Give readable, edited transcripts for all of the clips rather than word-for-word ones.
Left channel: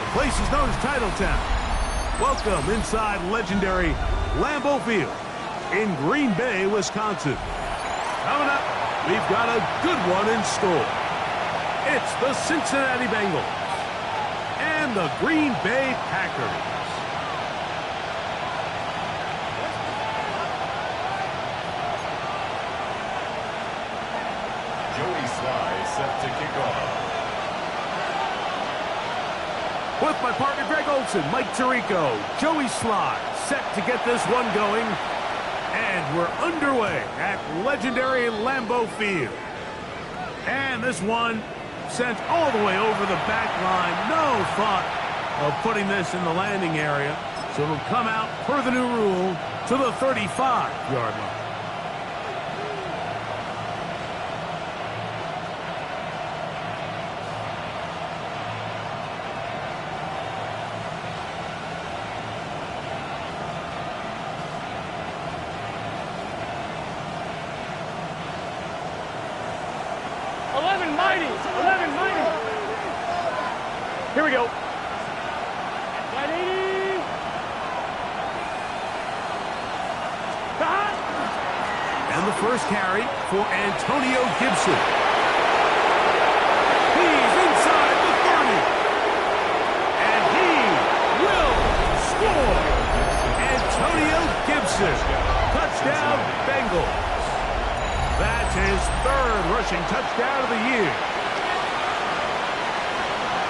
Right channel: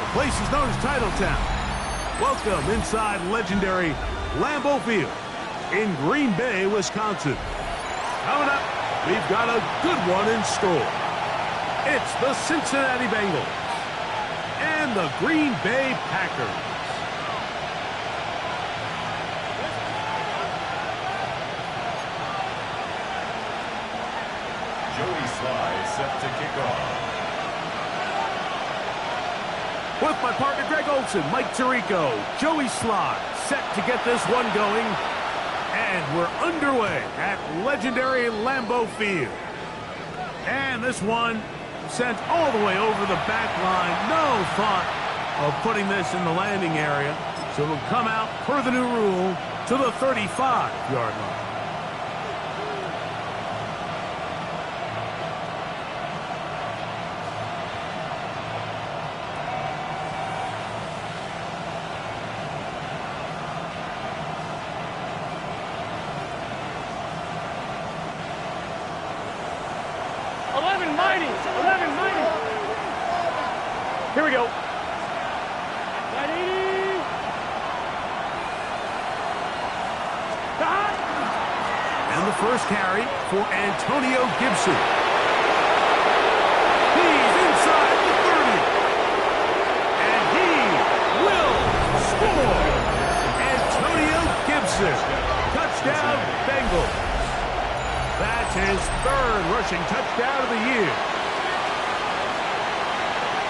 The place is known as Titletown. Welcome inside legendary Lambeau Field in Green Bay, Wisconsin. Coming up, we've got a good one in store. It's the Cincinnati Bengals and the Green Bay Packers. Joey Sly set to kick off. With my partner Greg Olson, Mike Tirico, Joey Sly set to get this one going. And we're underway at legendary Lambeau Field. And this one sent all the way over the back line. No thought of putting this in the landing area. So it'll come out per the new rule to the 35-yard line. Here we go. And the first carry for Antonio Gibson. He's inside the 30. And he will score. Antonio Gibson. Touchdown, Bengals. That's his third rushing touchdown of the year.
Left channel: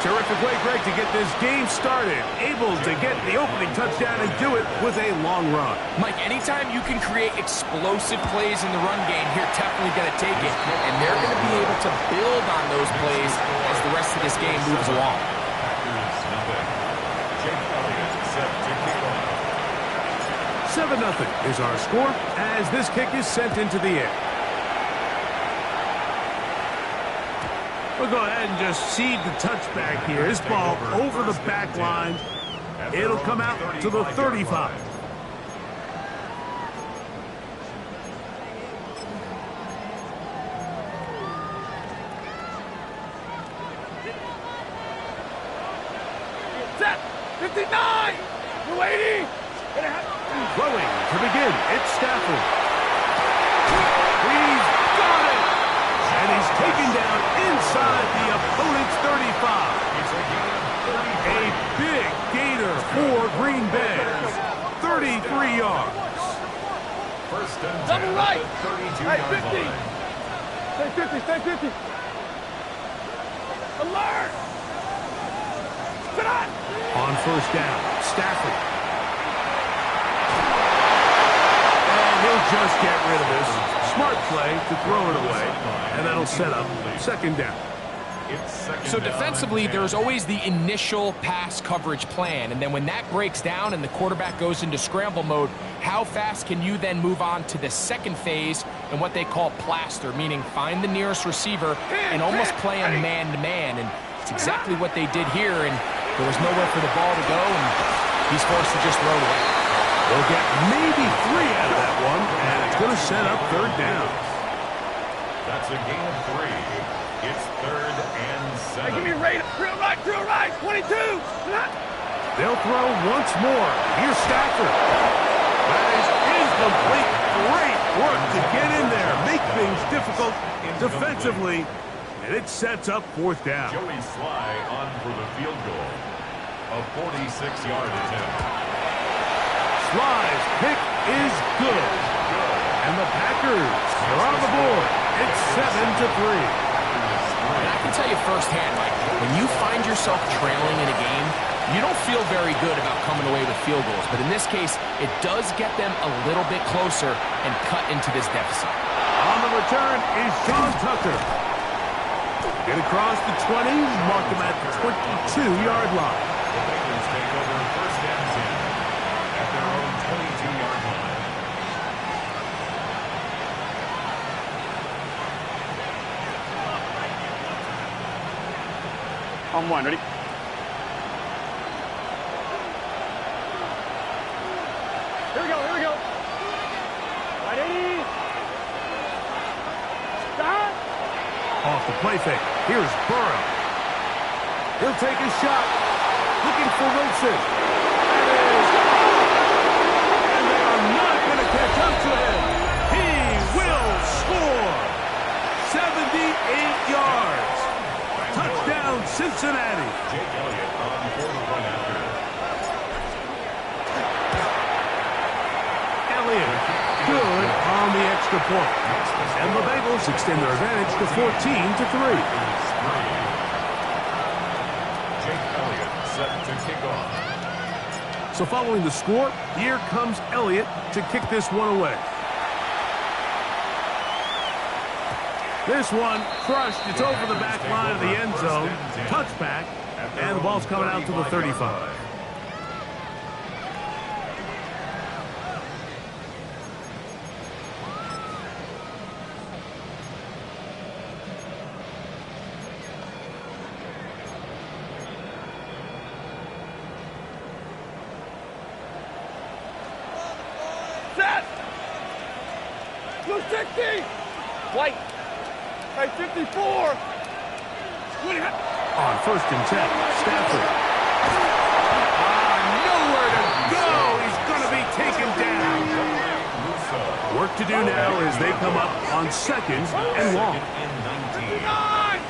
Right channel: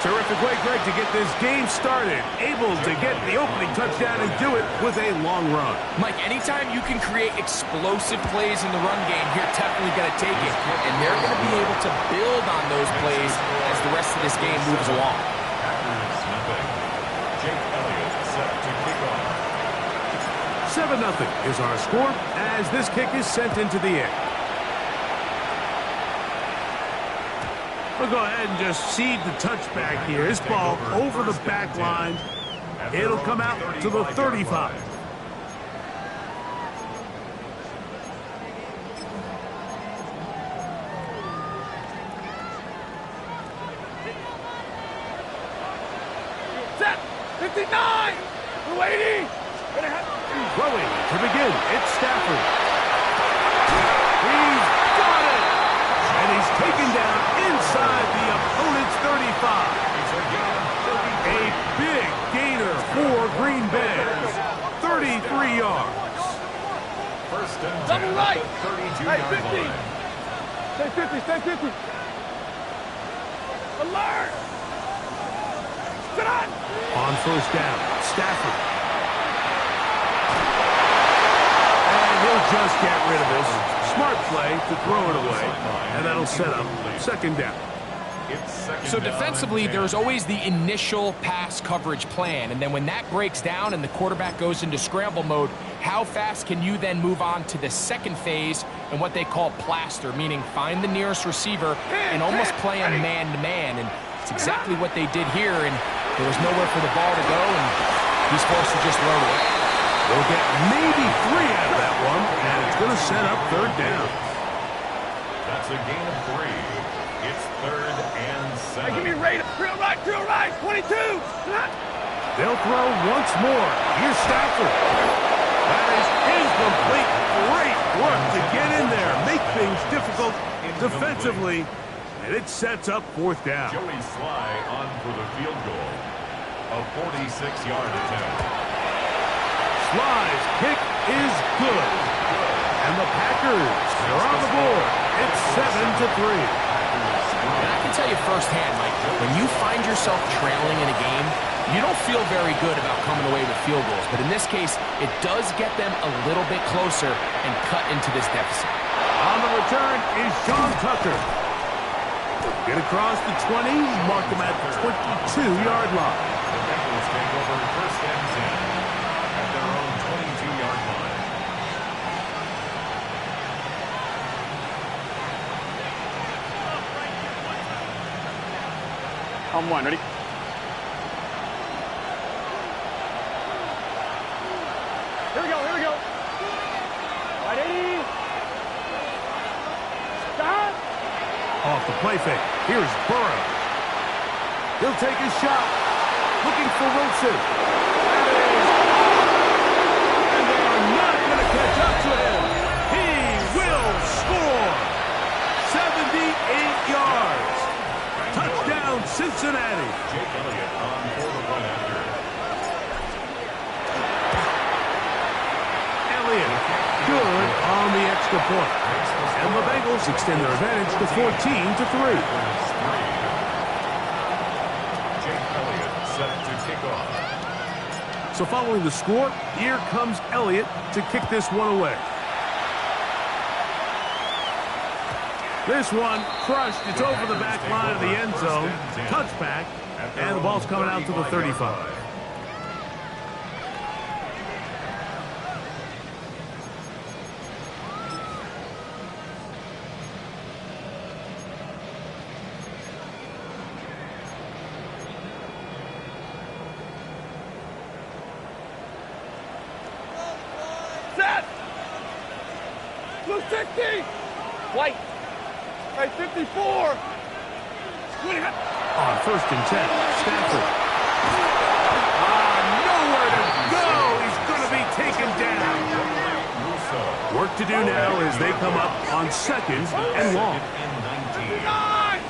Terrific way, Greg, to get this game started. Able to get the opening touchdown and do it with a long run. Mike, anytime you can create explosive plays in the run game, you're definitely going to take it. And they're going to be able to build on those plays as the rest of this game moves along. Packers nothing. Jake Elliott set to kick off. 7-0 is our score as this kick is sent into the air. We'll go ahead and just seed the touchback here. His ball over the back line. It'll come out to the 35. Set. 59. We're waiting. Throwing to begin. It's Stafford. He's got it. And he's taken down inside the opponent's 35. A big gainer for Green Bay. 33 yards. First and 10 Double right. at the 32-yard Hey, 50. line. Stay 50. Stay 50. Alert. Sit on. On first down, Stafford. And he'll just get rid of this. Smart play to throw it away, and that'll set up second down. So defensively, there's always the initial pass coverage plan, and then when that breaks down and the quarterback goes into scramble mode, how fast can you then move on to the second phase and what they call plaster, meaning find the nearest receiver and almost play him man-to-man, and it's exactly what they did here, and there was nowhere for the ball to go, and he's forced to just throw it away. They'll get maybe 3 out of that one, and it's going to set up third down. That's a gain of 3. It's 3rd and 7. Hey, give me a rate. Drill right. 22. They'll throw once more. Here's Stafford. That is incomplete. Great work to get in there. Make things difficult defensively, and it sets up fourth down. Joey Sly on for the field goal. A 46-yard attempt. Sly's kick is good. And the Packers are on the board. It's 7-3. And I can tell you firsthand, Mike, when you find yourself trailing in a game, you don't feel very good about coming away with field goals. But in this case, it does get them a little bit closer and cut into this deficit. On the return is Sean Tucker. Get across the 20, mark him at the 22-yard line. The Bengals take over first and 10 at their own 22-yard line. On one, ready? Here we go. Right, 80. Stop. Off the play fake. Here's Burrow. He'll take his shot. Greg Olsen. That is off. And they are not going to catch up to him. He will score. 78 yards. Touchdown, Cincinnati. Jake Elliott on for the run after. Elliott, good on the extra point. And the Bengals extend their advantage to 14-3. Jake Elliott set to kick off. So following the score, here comes Elliott to kick this one away. This one crushed. It's over the back line of the end zone. Touchback. And the ball's coming out to the 35. Set! Blue 60! White! Right, 54! On 1st and 10, Stafford. Nowhere to go. He's going to be taken down. Work to do now as they come up on 2nd and long.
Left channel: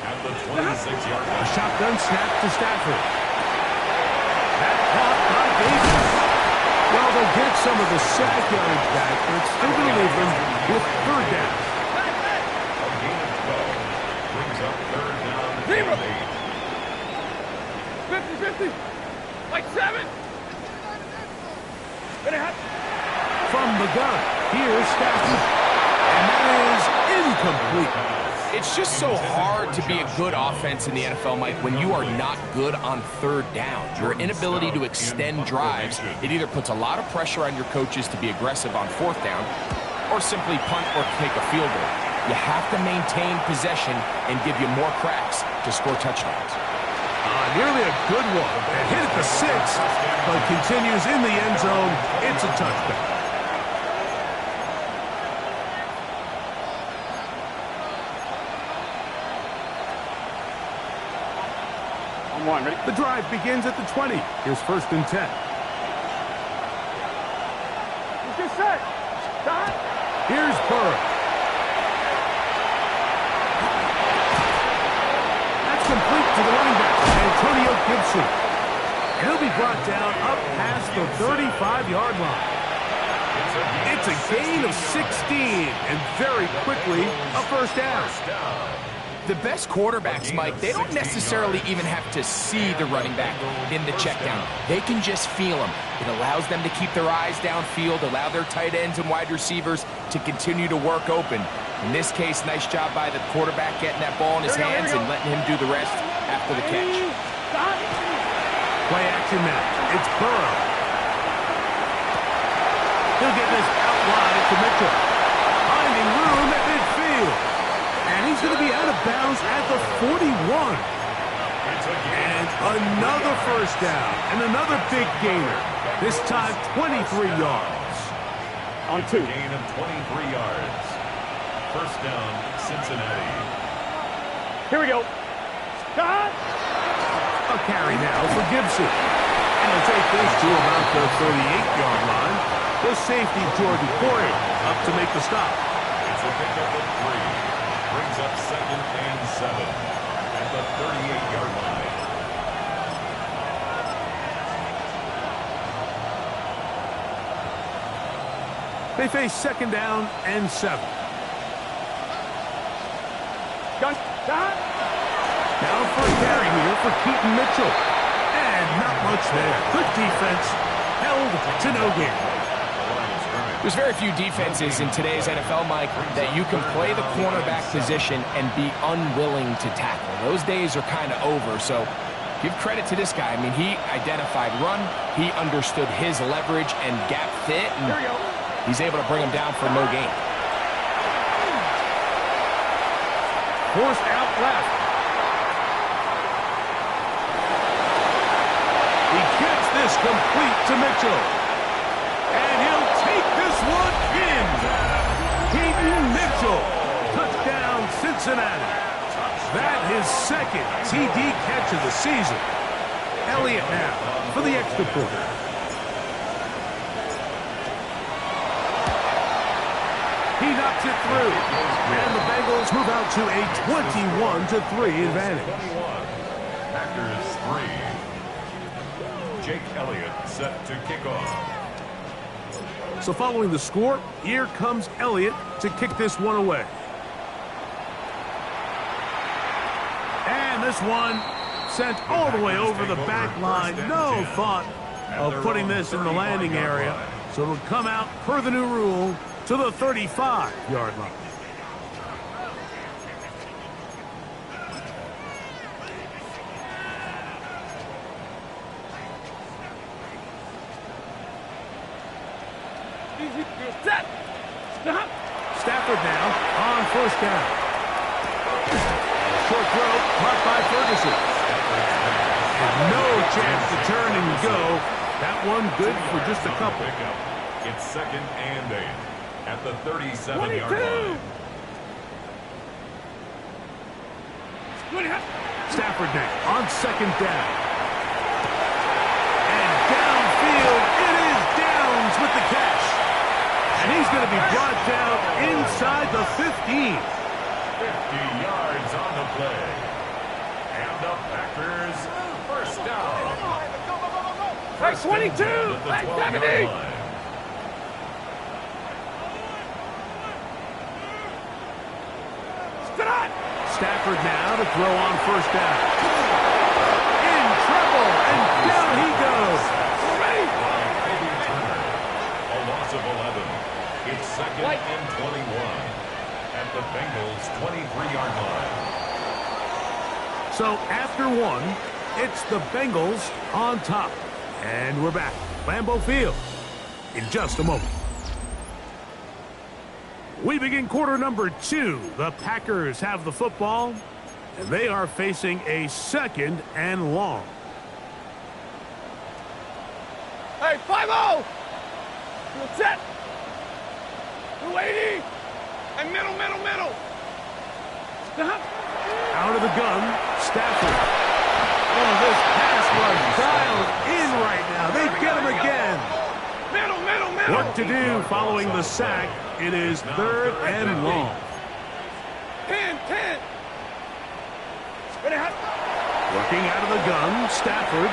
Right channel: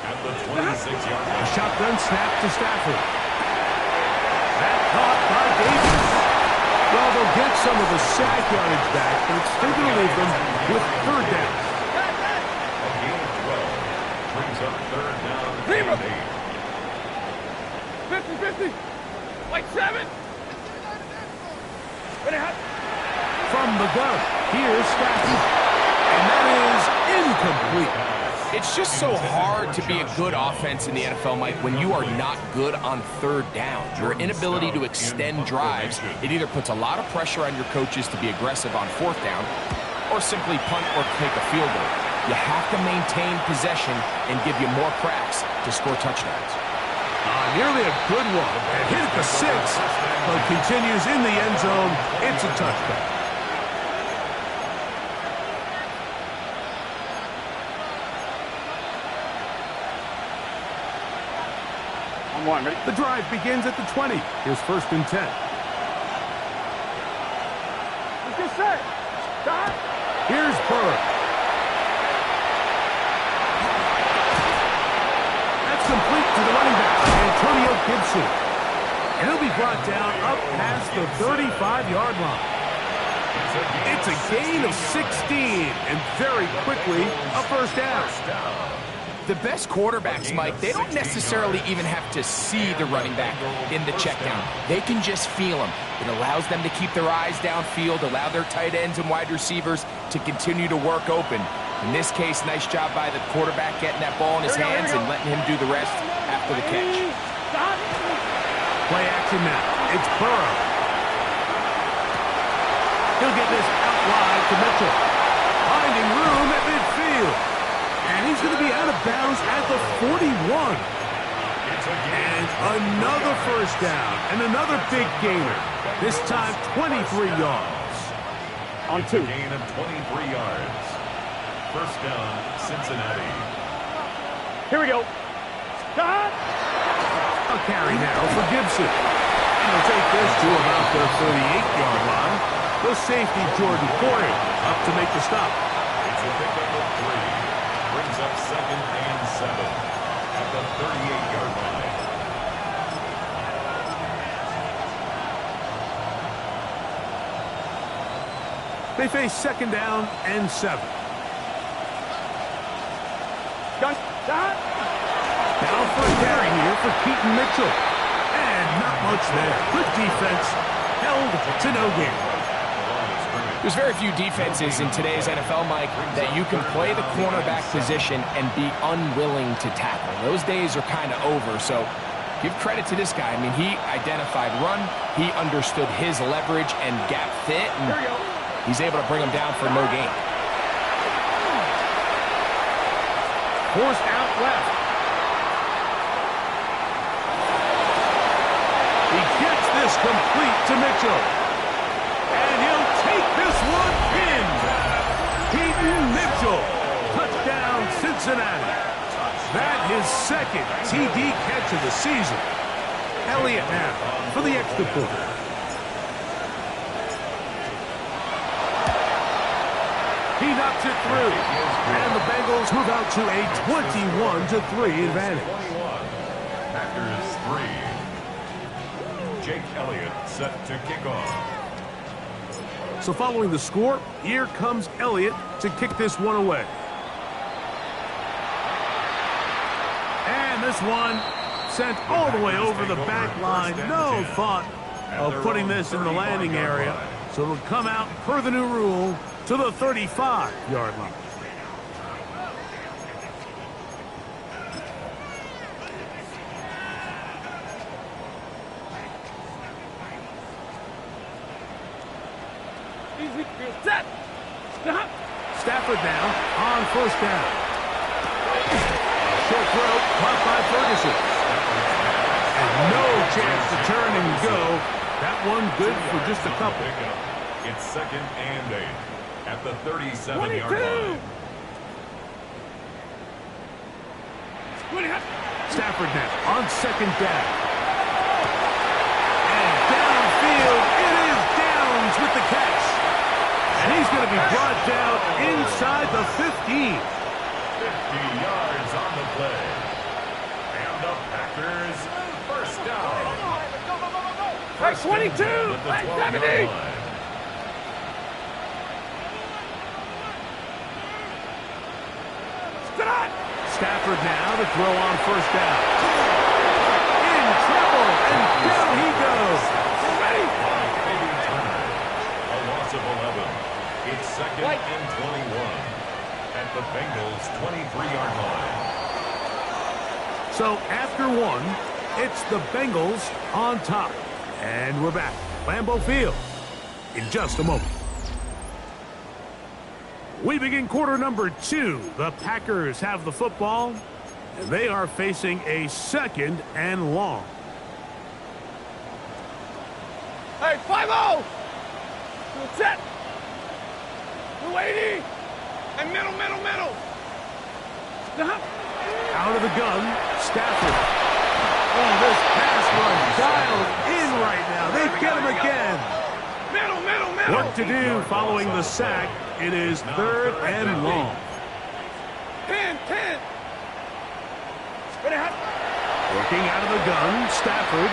At the 26-yard line. A shotgun snap to Stafford. That caught by Davis. Well, they'll get some of the sack yardage back, but it's still going to leave them with 3rd down. A gain of 12 brings up 3rd down and 8. 50-50! Like 7! From the gun, here's Stafford. And that is incomplete. It's just so hard to be a good offense in the NFL, Mike, when you are not good on 3rd down. Your inability to extend drives, it either puts a lot of pressure on your coaches to be aggressive on 4th down or simply punt or take a field goal. You have to maintain possession and give you more cracks to score touchdowns. Nearly a good one. And hit at the 6, but continues in the end zone. It's a touchback. On 1, ready? The drive begins at the 20. Here's 1st and 10. Let's get set! Stop! Here's Burr. That's complete to the running back, Antonio Gibson. And he'll be brought down up past the 35-yard line. It's a gain of 16, and very quickly, a 1st down. The best quarterbacks, Mike, they don't necessarily even have to see the running back in the check down. They can just feel him. It allows them to keep their eyes downfield, allow their tight ends and wide receivers to continue to work open. In this case, nice job by the quarterback getting that ball in his hands and letting him do the rest after the catch. Play action now. It's Burrow. He'll get this out wide to Mitchell. Finding room at midfield. And he's going to be out of bounds at the 41. And another 1st down. And another big gainer. This time 23 yards. On 2. Gain of 23 yards. 1st down, Cincinnati. Here we go. Stop! A carry now for Gibson. And he'll take this to about the 38-yard line. The safety, Jordan Poyer, up to make the stop. It's a pickup of 3. Brings up 2nd and 7 at the 38-yard line. They face 2nd down and 7. Gun. Stop! Now for a carry here for Keaton Mitchell. And not much there. Good defense. Held to no gain. There's very few defenses in today's NFL, Mike, that you can play the cornerback position and be unwilling to tackle. Those days are kind of over, so give credit to this guy. I mean, he identified run, he understood his leverage and gap fit, and he's able to bring him down for no gain. Forced out left. He gets this complete to Mitchell. And he'll take this one in. Keaton Mitchell. Touchdown, Cincinnati. That his 2nd TD catch of the season. Elliott now for the extra point. He knocks it through. And the Bengals move out to a 21-3 advantage. 21. Packers 3. Jake Elliott set to kick off. So following the score, here comes Elliott to kick this one away. And this one sent all the way over the back line. No thought of putting this in the landing area. So it'll come out per the new rule to the 35-yard line. Easy. Set. Stop. Stafford now on first down. Short throw caught by Ferguson. And no chance to turn and go. That one good for just a couple. It's 2nd and 8 at the 37-yard line. Stafford now on second down. And downfield, it is Downs with the catch. And he's going to be brought down inside the 15. 50 yards on the play. And the Packers first down. First 22. At the 12-yard line. Stafford now to throw on first down. In trouble, and down he goes. Ready? By Baby Turner. A loss of 11. It's 2nd and 21 at the Bengals 23-yard line. So after one, it's the Bengals on top. And we're back. Lambeau Field in just a moment. We begin quarter number 2. The Packers have the football, and they are facing a 2nd and long. Hey, 5-0. Set. 280. And middle. Stop. Out of the gun, Stafford. Oh, this pass rush dialed in right now. They get him again. Middle. Work to do following the sack. It is 3rd and long. 10. Ready? Working out of the gun, Stafford.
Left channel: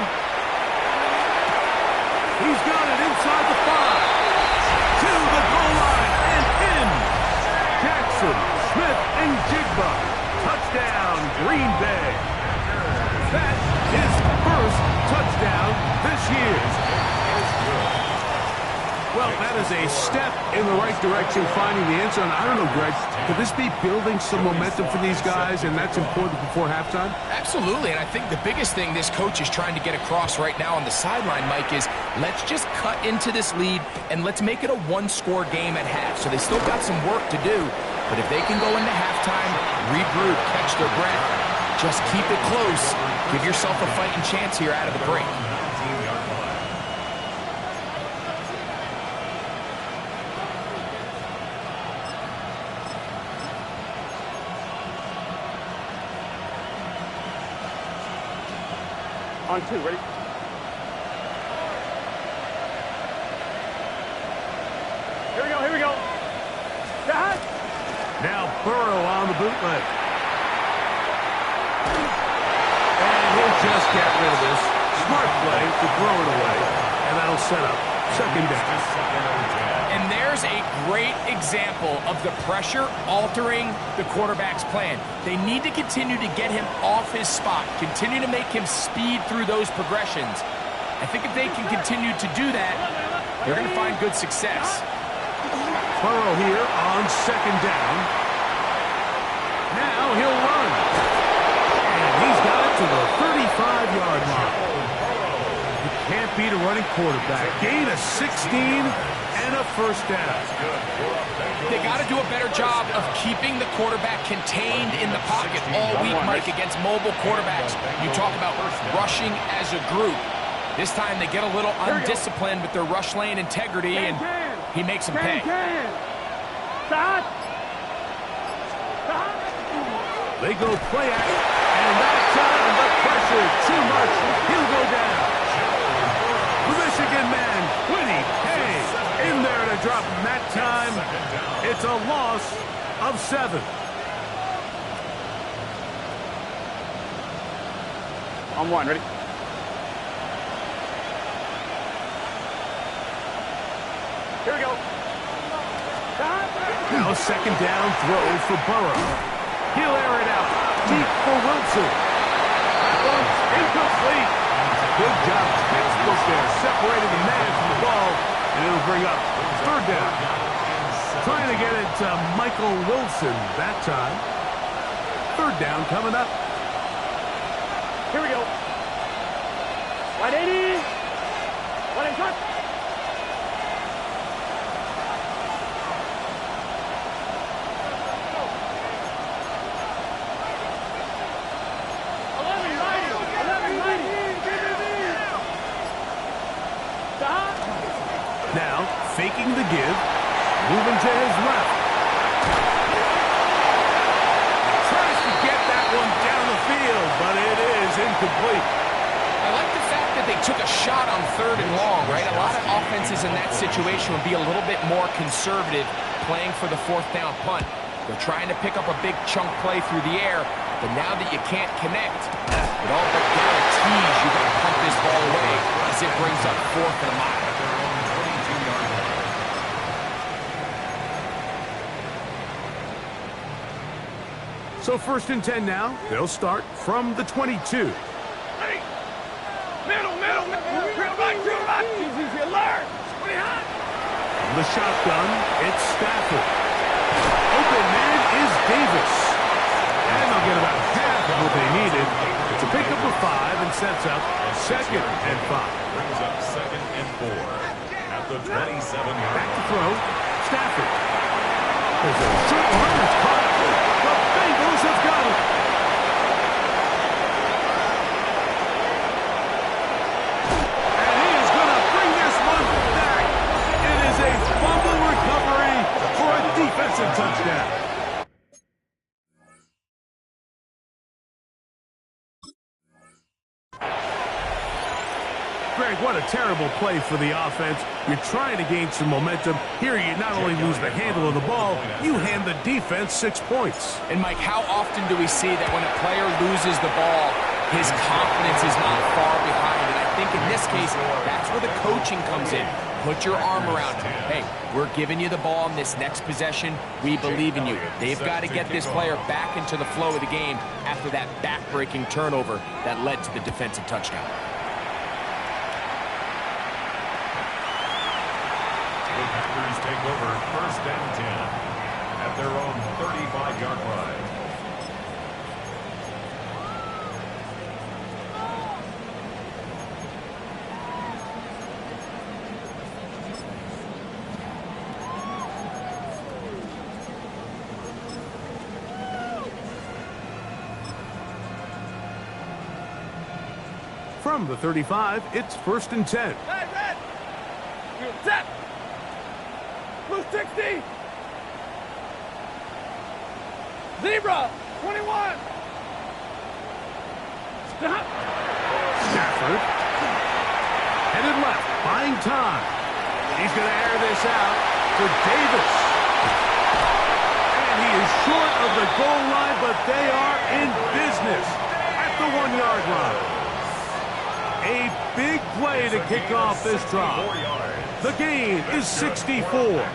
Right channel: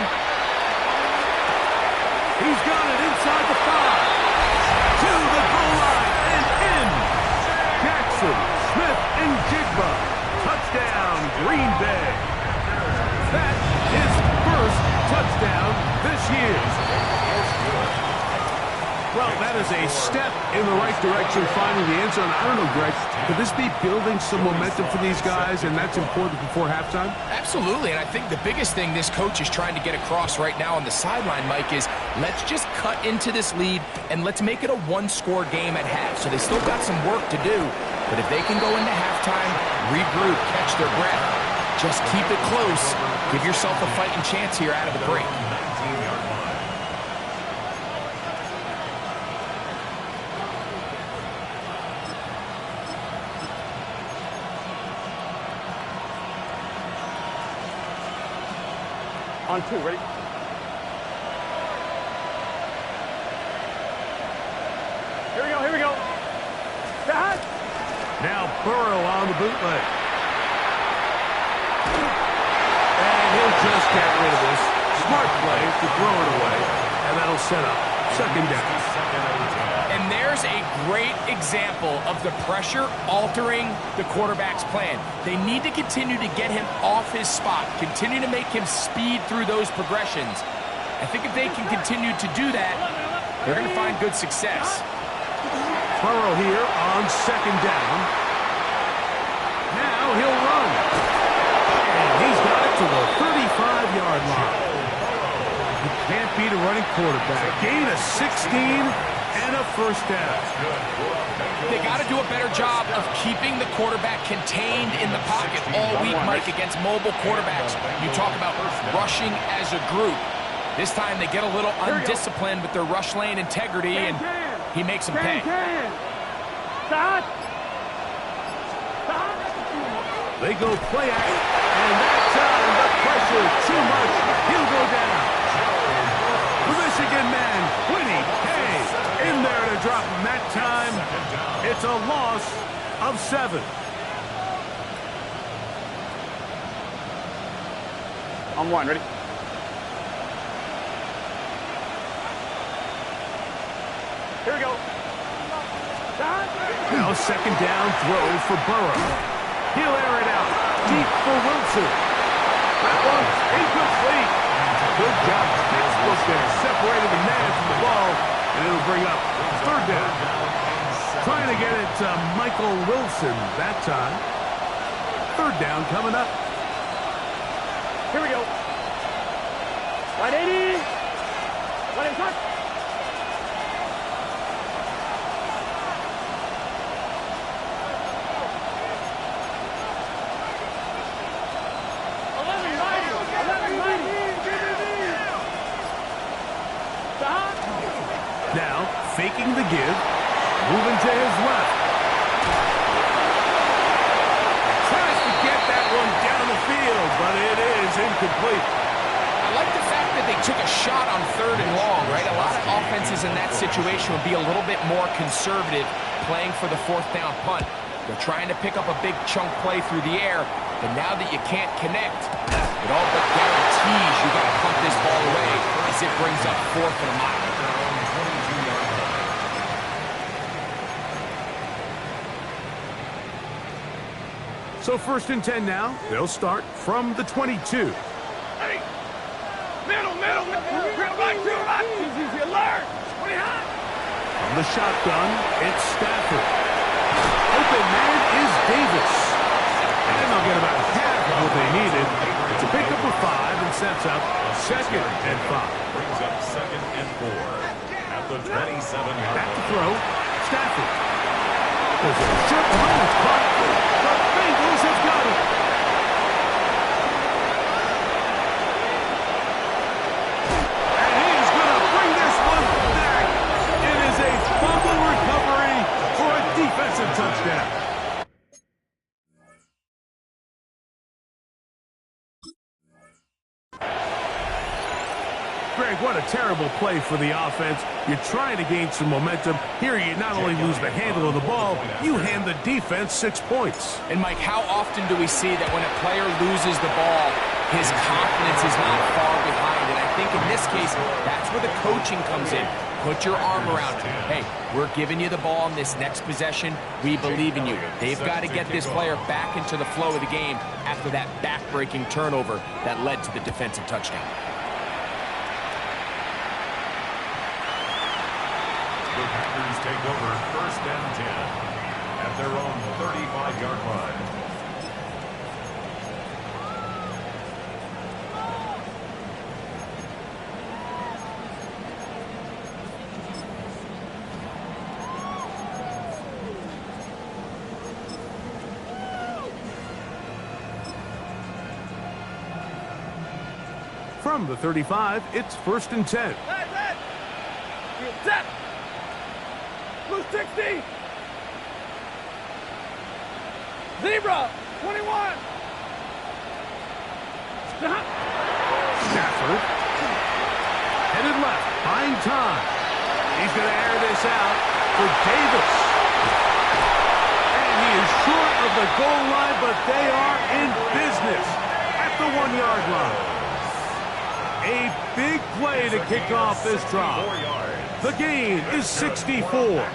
He's got it inside the 5. To the goal line and in. Jackson, Smith, and Jigba. Touchdown, Green Bay. That's his first touchdown this year. Well, that is a step in the right direction, finding the end zone. I don't know, Greg, could this be building some momentum for these guys, and that's important before halftime? Absolutely, and I think the biggest thing this coach is trying to get across right now on the sideline, Mike, is let's just cut into this lead, and let's make it a one-score game at half. So they still got some work to do, but if they can go into halftime, regroup, catch their breath, just keep it close, give yourself a fighting chance here out of the break. 19-yard line. On 2, ready? Here we go. Got. Now Burrow on the bootleg. And he'll just get rid of this. Smart play to throw it away. And that'll set up 2nd down. And there's a great example of the pressure altering the quarterback's plan. They need to continue to get him off his spot, continue to make him speed through those progressions. I think if they can continue to do that, they're going to find good success. Burrow here on 2nd down. Now he'll run. And he's got it to the 35-yard line. You can't beat a running quarterback. Gain of 16 and a first down. They got to do a better job of keeping the quarterback contained in the pocket all week, Mike, against mobile quarterbacks. You talk about rushing as a group. This time they get a little undisciplined with their rush lane integrity, and he makes them pay. Stop. They go play action. And that time, the pressure too much. He'll go down. The Michigan man, Quinny K, in there to drop him that time. It's a loss of 7. On 1, ready? Here we go. Now second down throw for Burrow. He'll air it out deep for Wilson. That one's incomplete. Good job, textbook there, separating the man from the ball, and it'll bring up 3rd down. Trying to get it to Michael Wilson that time. 3rd down coming up. Here we go. 180. 180 touch. Now, faking the give, moving to his left. Tries to get that one down the field, but it is incomplete. I like the fact that they took a shot on 3rd and long, right? A lot of offenses in that situation would be a little bit more conservative playing for the 4th down punt. They're trying to pick up a big chunk play through the air, but now that you can't connect, it all but guarantees you got to pump this ball away as it brings up 4th and a mile. At their own 22-yard line. So 1st and 10 now. They'll start from the 22. Ready? Middle. Easy, alert. 20 hot. From the shotgun, it's Stafford. Open man is Davis. And they'll get about half of what they needed. It's a pickup of 5 and sets up 2nd and 5. Brings up 2nd and 4 at the 27-yard Back to line. throw. Stafford. There's a short one that's caught. The Bengals have got it. And he is going to bring this one back. It is a fumble recovery for a defensive touchdown. Greg, what a terrible play for the offense. You're trying to gain some momentum. Here you not only lose the handle of the ball, you hand the defense 6 points. And Mike, how often do we see that when a player loses the ball, his confidence is not far behind? And I think in this case, that's where the coaching comes in. Put your arm around him. Hey, we're giving you the ball in this next possession. We believe in you. They've got to get this player back into the flow of the game after that back-breaking turnover that led to the defensive touchdown. The Packers take over 1st and 10 at their own 35-yard line. From the 35, it's 1st and 10. Red. You set. Blue 60. Zebra 21. Stop. Stafford. Headed left, buying time. He's going to air this out for Davis. And he is short of the goal line, but they are in business at the 1-yard line. A big play to kick off this drive. The gain is 64.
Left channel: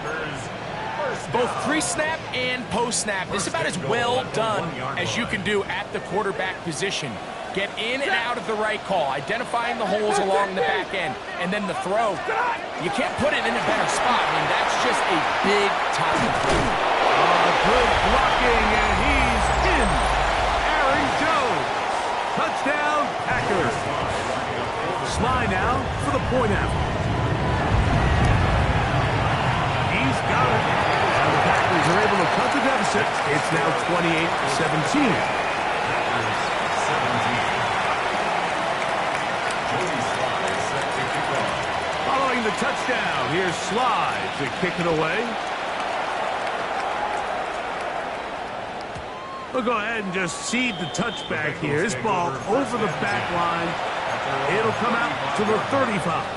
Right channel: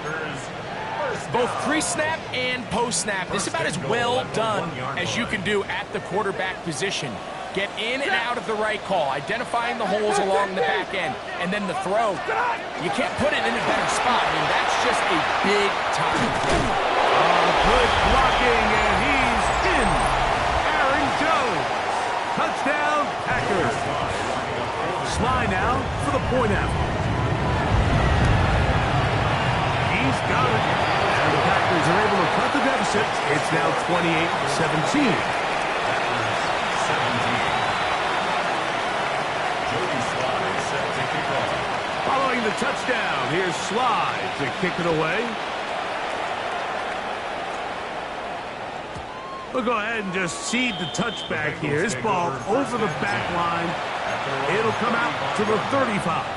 Both pre-snap and post-snap. This is about as well done as you can do at the quarterback position. Get in and out of the right call, identifying the holes along the back end, and then the throw. You can't put it in a better spot. I mean, that's just a big-time play. Good blocking, and he's in. Aaron Jones. Touchdown, Packers. Sly now for the point after. He's got it. And the Packers are able to cut the deficit. It's now 28-17. Packers 17. Joey Sly set to kick off. Following the touchdown, here's Sly to kick it away. We'll go ahead and just cede the touchback here. This ball over the back line. It'll come out to the 35.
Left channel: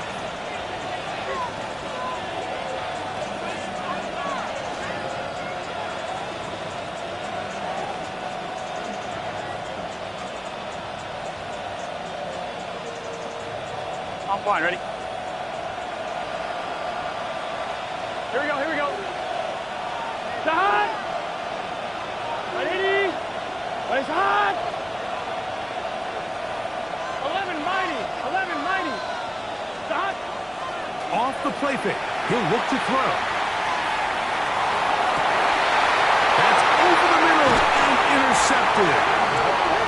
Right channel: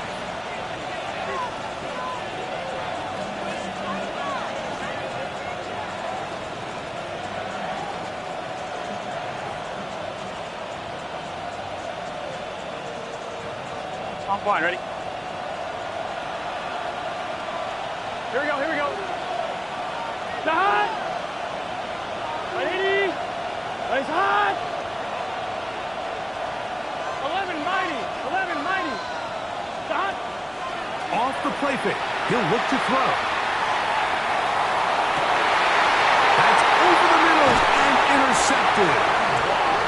I'm fine, ready? Here we go, here we go. Hot! 180! Race hot! 11 mighty! 11 mighty! Hot! Off the play fake. He'll look to throw. That's over the middle and intercepted.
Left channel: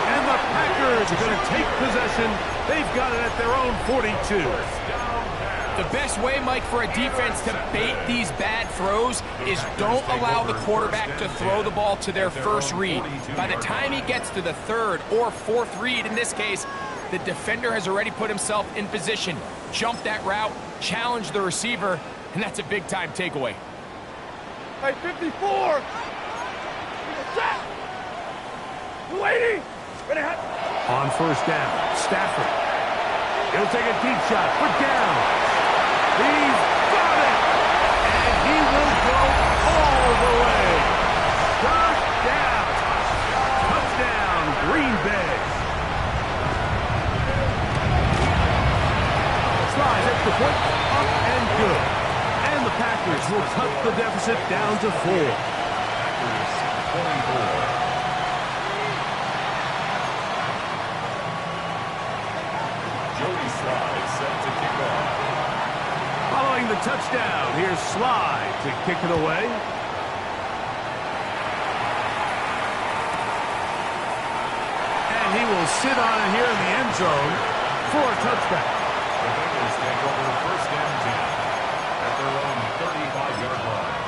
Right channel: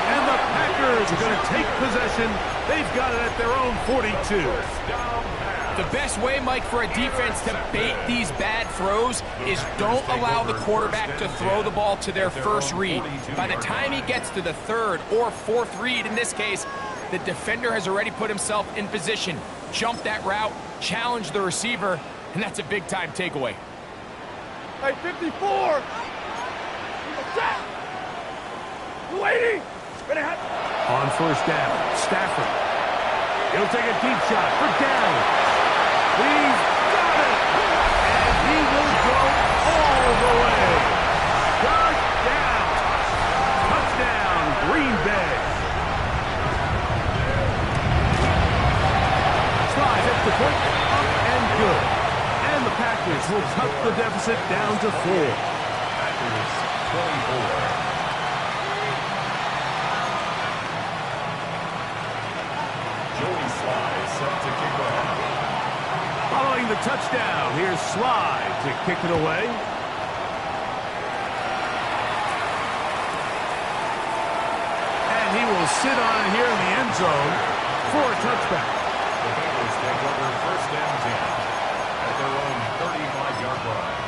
And the Packers are going to take possession. They've got it at their own 42. The best way, Mike, for a defense to bait these bad throws is don't allow the quarterback to throw the ball to their first read. By the time he gets to the third or fourth read, in this case, the defender has already put himself in position, jump that route, challenge the receiver, and that's a big-time takeaway. Hey, 54! Set! 280! Ready, hot! On first down, Stafford. He'll take a deep shot for down. He's got it! And he will go all the way. Touchdown! Touchdown, Green Bay. Slides at the point, up and good. And the Packers will cut the deficit down to 4. Packers 24. Joey Sly set to kick off. Following the touchdown, here's Sly to kick it away. And he will sit on it here in the end zone for a touchback. The Bengals take over first and 10 at their own 35-yard line.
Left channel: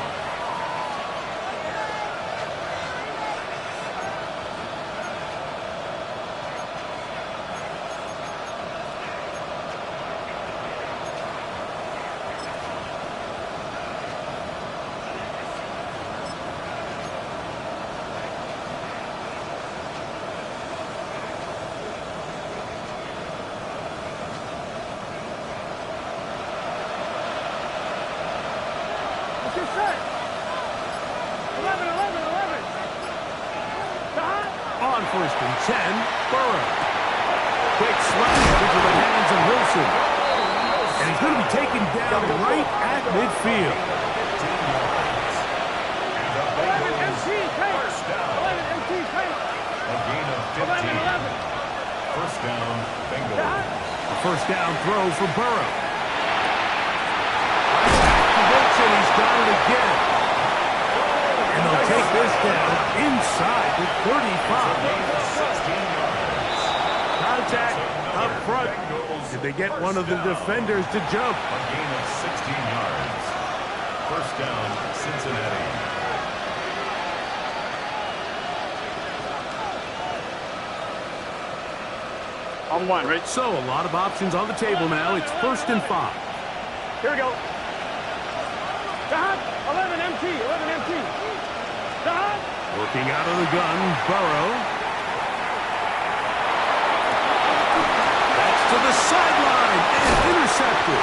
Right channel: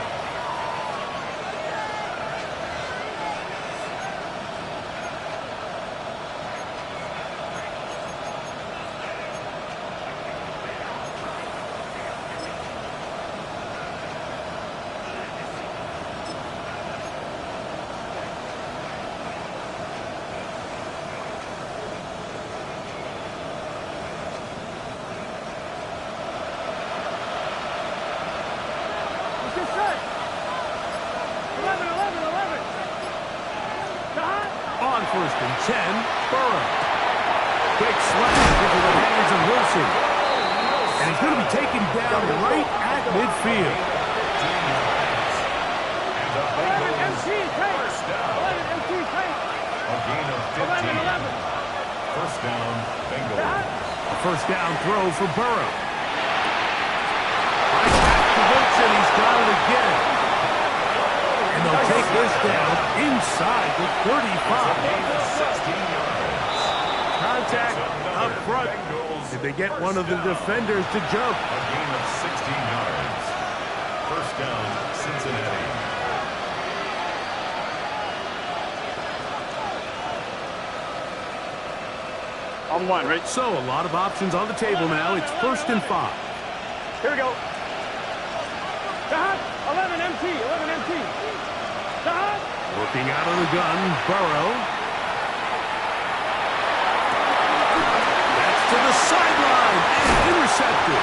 Get set! 11, 11, 11! Hot! On first and 10, Burrow. Quick slash into the hands of Wilson. And he's going to be taken down right at midfield. 11 MT, take! 11 MT, take! A gain of 15. 11, 11! First down, Bengals. A first down throw for Burrow. Right back to Wilson. He's got it again. And they'll take this down inside the 35. Gain of 16 yards. Contact up front. Did they get one of the defenders to jump? A gain of 16 yards. First down, Cincinnati. On one, right? So a lot of options on the table now. It's first and 5. Here we go. Hot! 11 MT, 11 MT. Hot! Working out of the gun, Burrow. That's to the sideline and intercepted.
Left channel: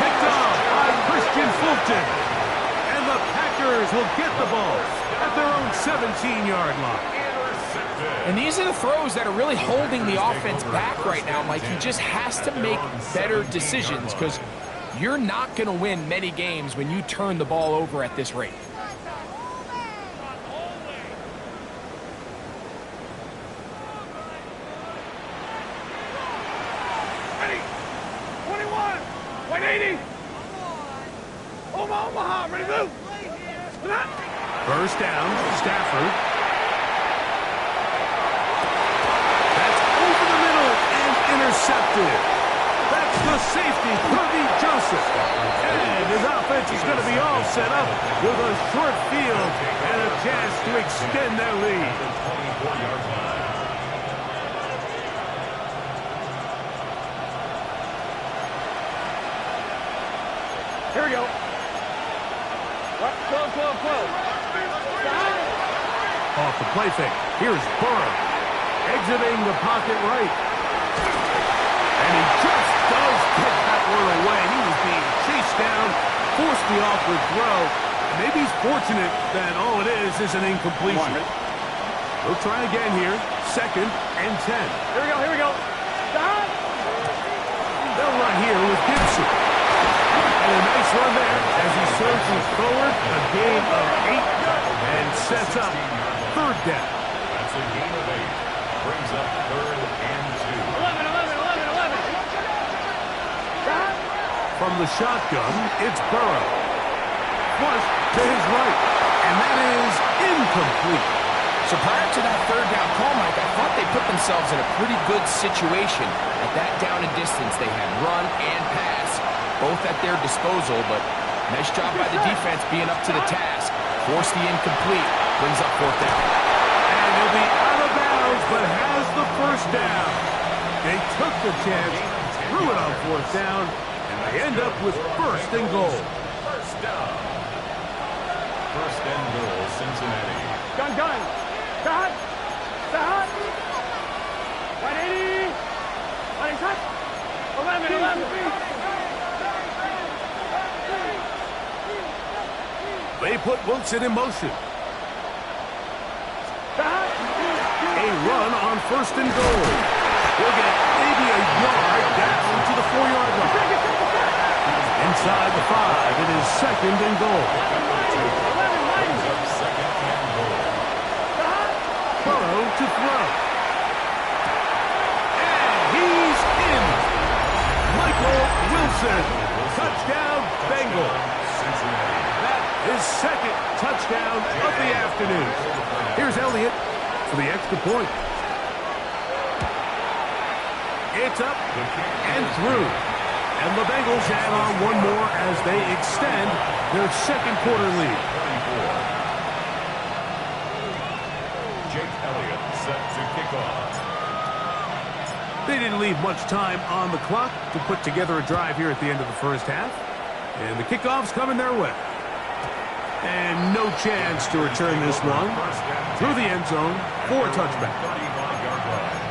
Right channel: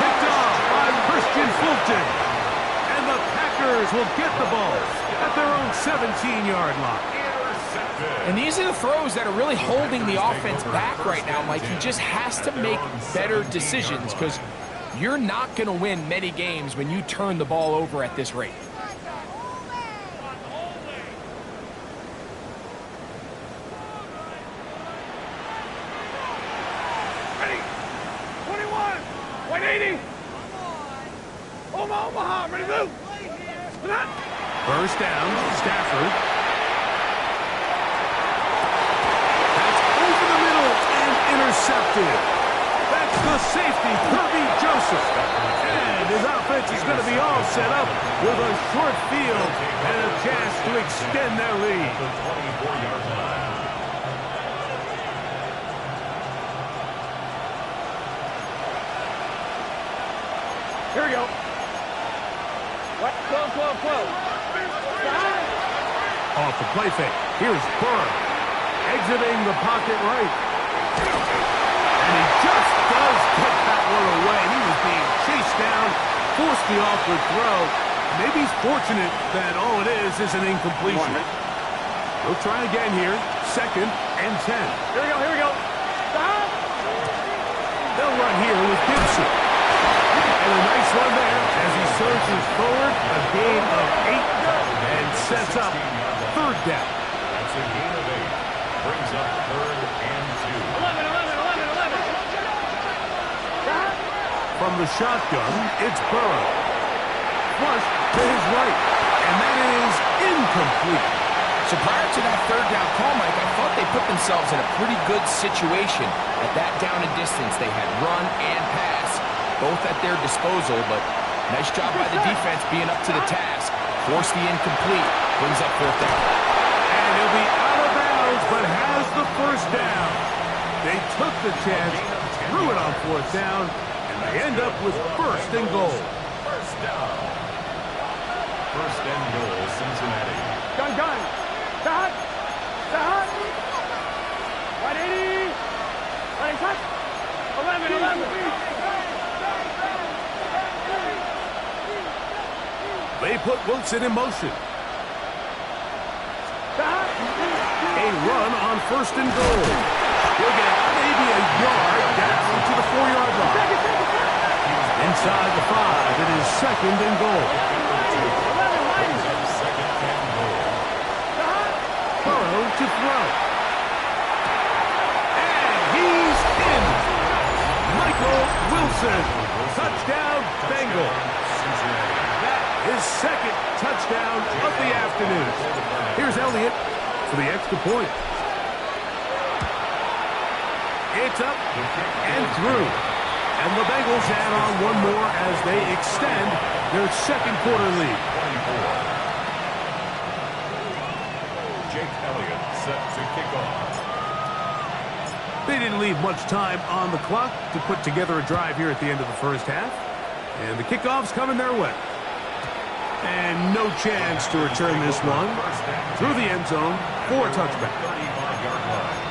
Picked off by Christian Fulton. And the Packers will get the ball at their own 17-yard line. And these are the throws that are really holding the offense back right now, Mike. He just has to make better decisions because you're not going to win many games when you turn the ball over at this rate. Ready! 21! 180! Omaha! Ready to move! First down, Stafford. That's over the middle and intercepted. That's the safety, Kirby Joseph. And his offense is going to be all set up with a short field and a chance to extend their lead. The 24-yard line. Here we go. What? 12, 12, 12. Off the play fake. Here's Burrow, exiting the pocket right. And he just does get that one away. He was being chased down, forced the awkward throw. Maybe he's fortunate that all it is an incompletion. We'll try again here. 2nd and 10. Here we go. Stop. They'll run here with Gibson. And a nice run there as he surges forward. A gain of 8 and sets up 3rd down. That's a gain of 8. Brings up 3rd and 2. 11. Stop. From the shotgun, it's Burrow. Flush to his right. And that is incomplete. So prior to that 3rd down call, Mike, I thought they put themselves in a pretty good situation. At that down and distance, they had run and pass, both at their disposal, but nice job by the defense being up to the task. Force the incomplete, brings up 4th down. And he'll be out of bounds, but has the 1st down. They took the chance, threw it on 4th down, and they end up with 1st and goal. 1st down. 1st and goal, Cincinnati. Gun. Stop. 180. Running touch. 11. They put Wilson in motion. Stop. A run on 1st and goal. He'll get maybe a yard down to the 4-yard line. Inside the 5, it is 2nd and goal. Brings up 2nd and goal. Burrow to throw. And he's in. Michael Wilson. Touchdown, Bengals. Cincinnati. That is 2nd touchdown of the afternoon. Here's Elliott for the extra point. It's up and through. And the Bengals add on one more as they extend their 2nd quarter lead. 24. Jake Elliott set to kick off. They didn't leave much time on the clock to put together a drive here at the end of the 1st half. And the kickoff's coming their way. And no chance to return this one through the end zone for a touchback. 35-yard line.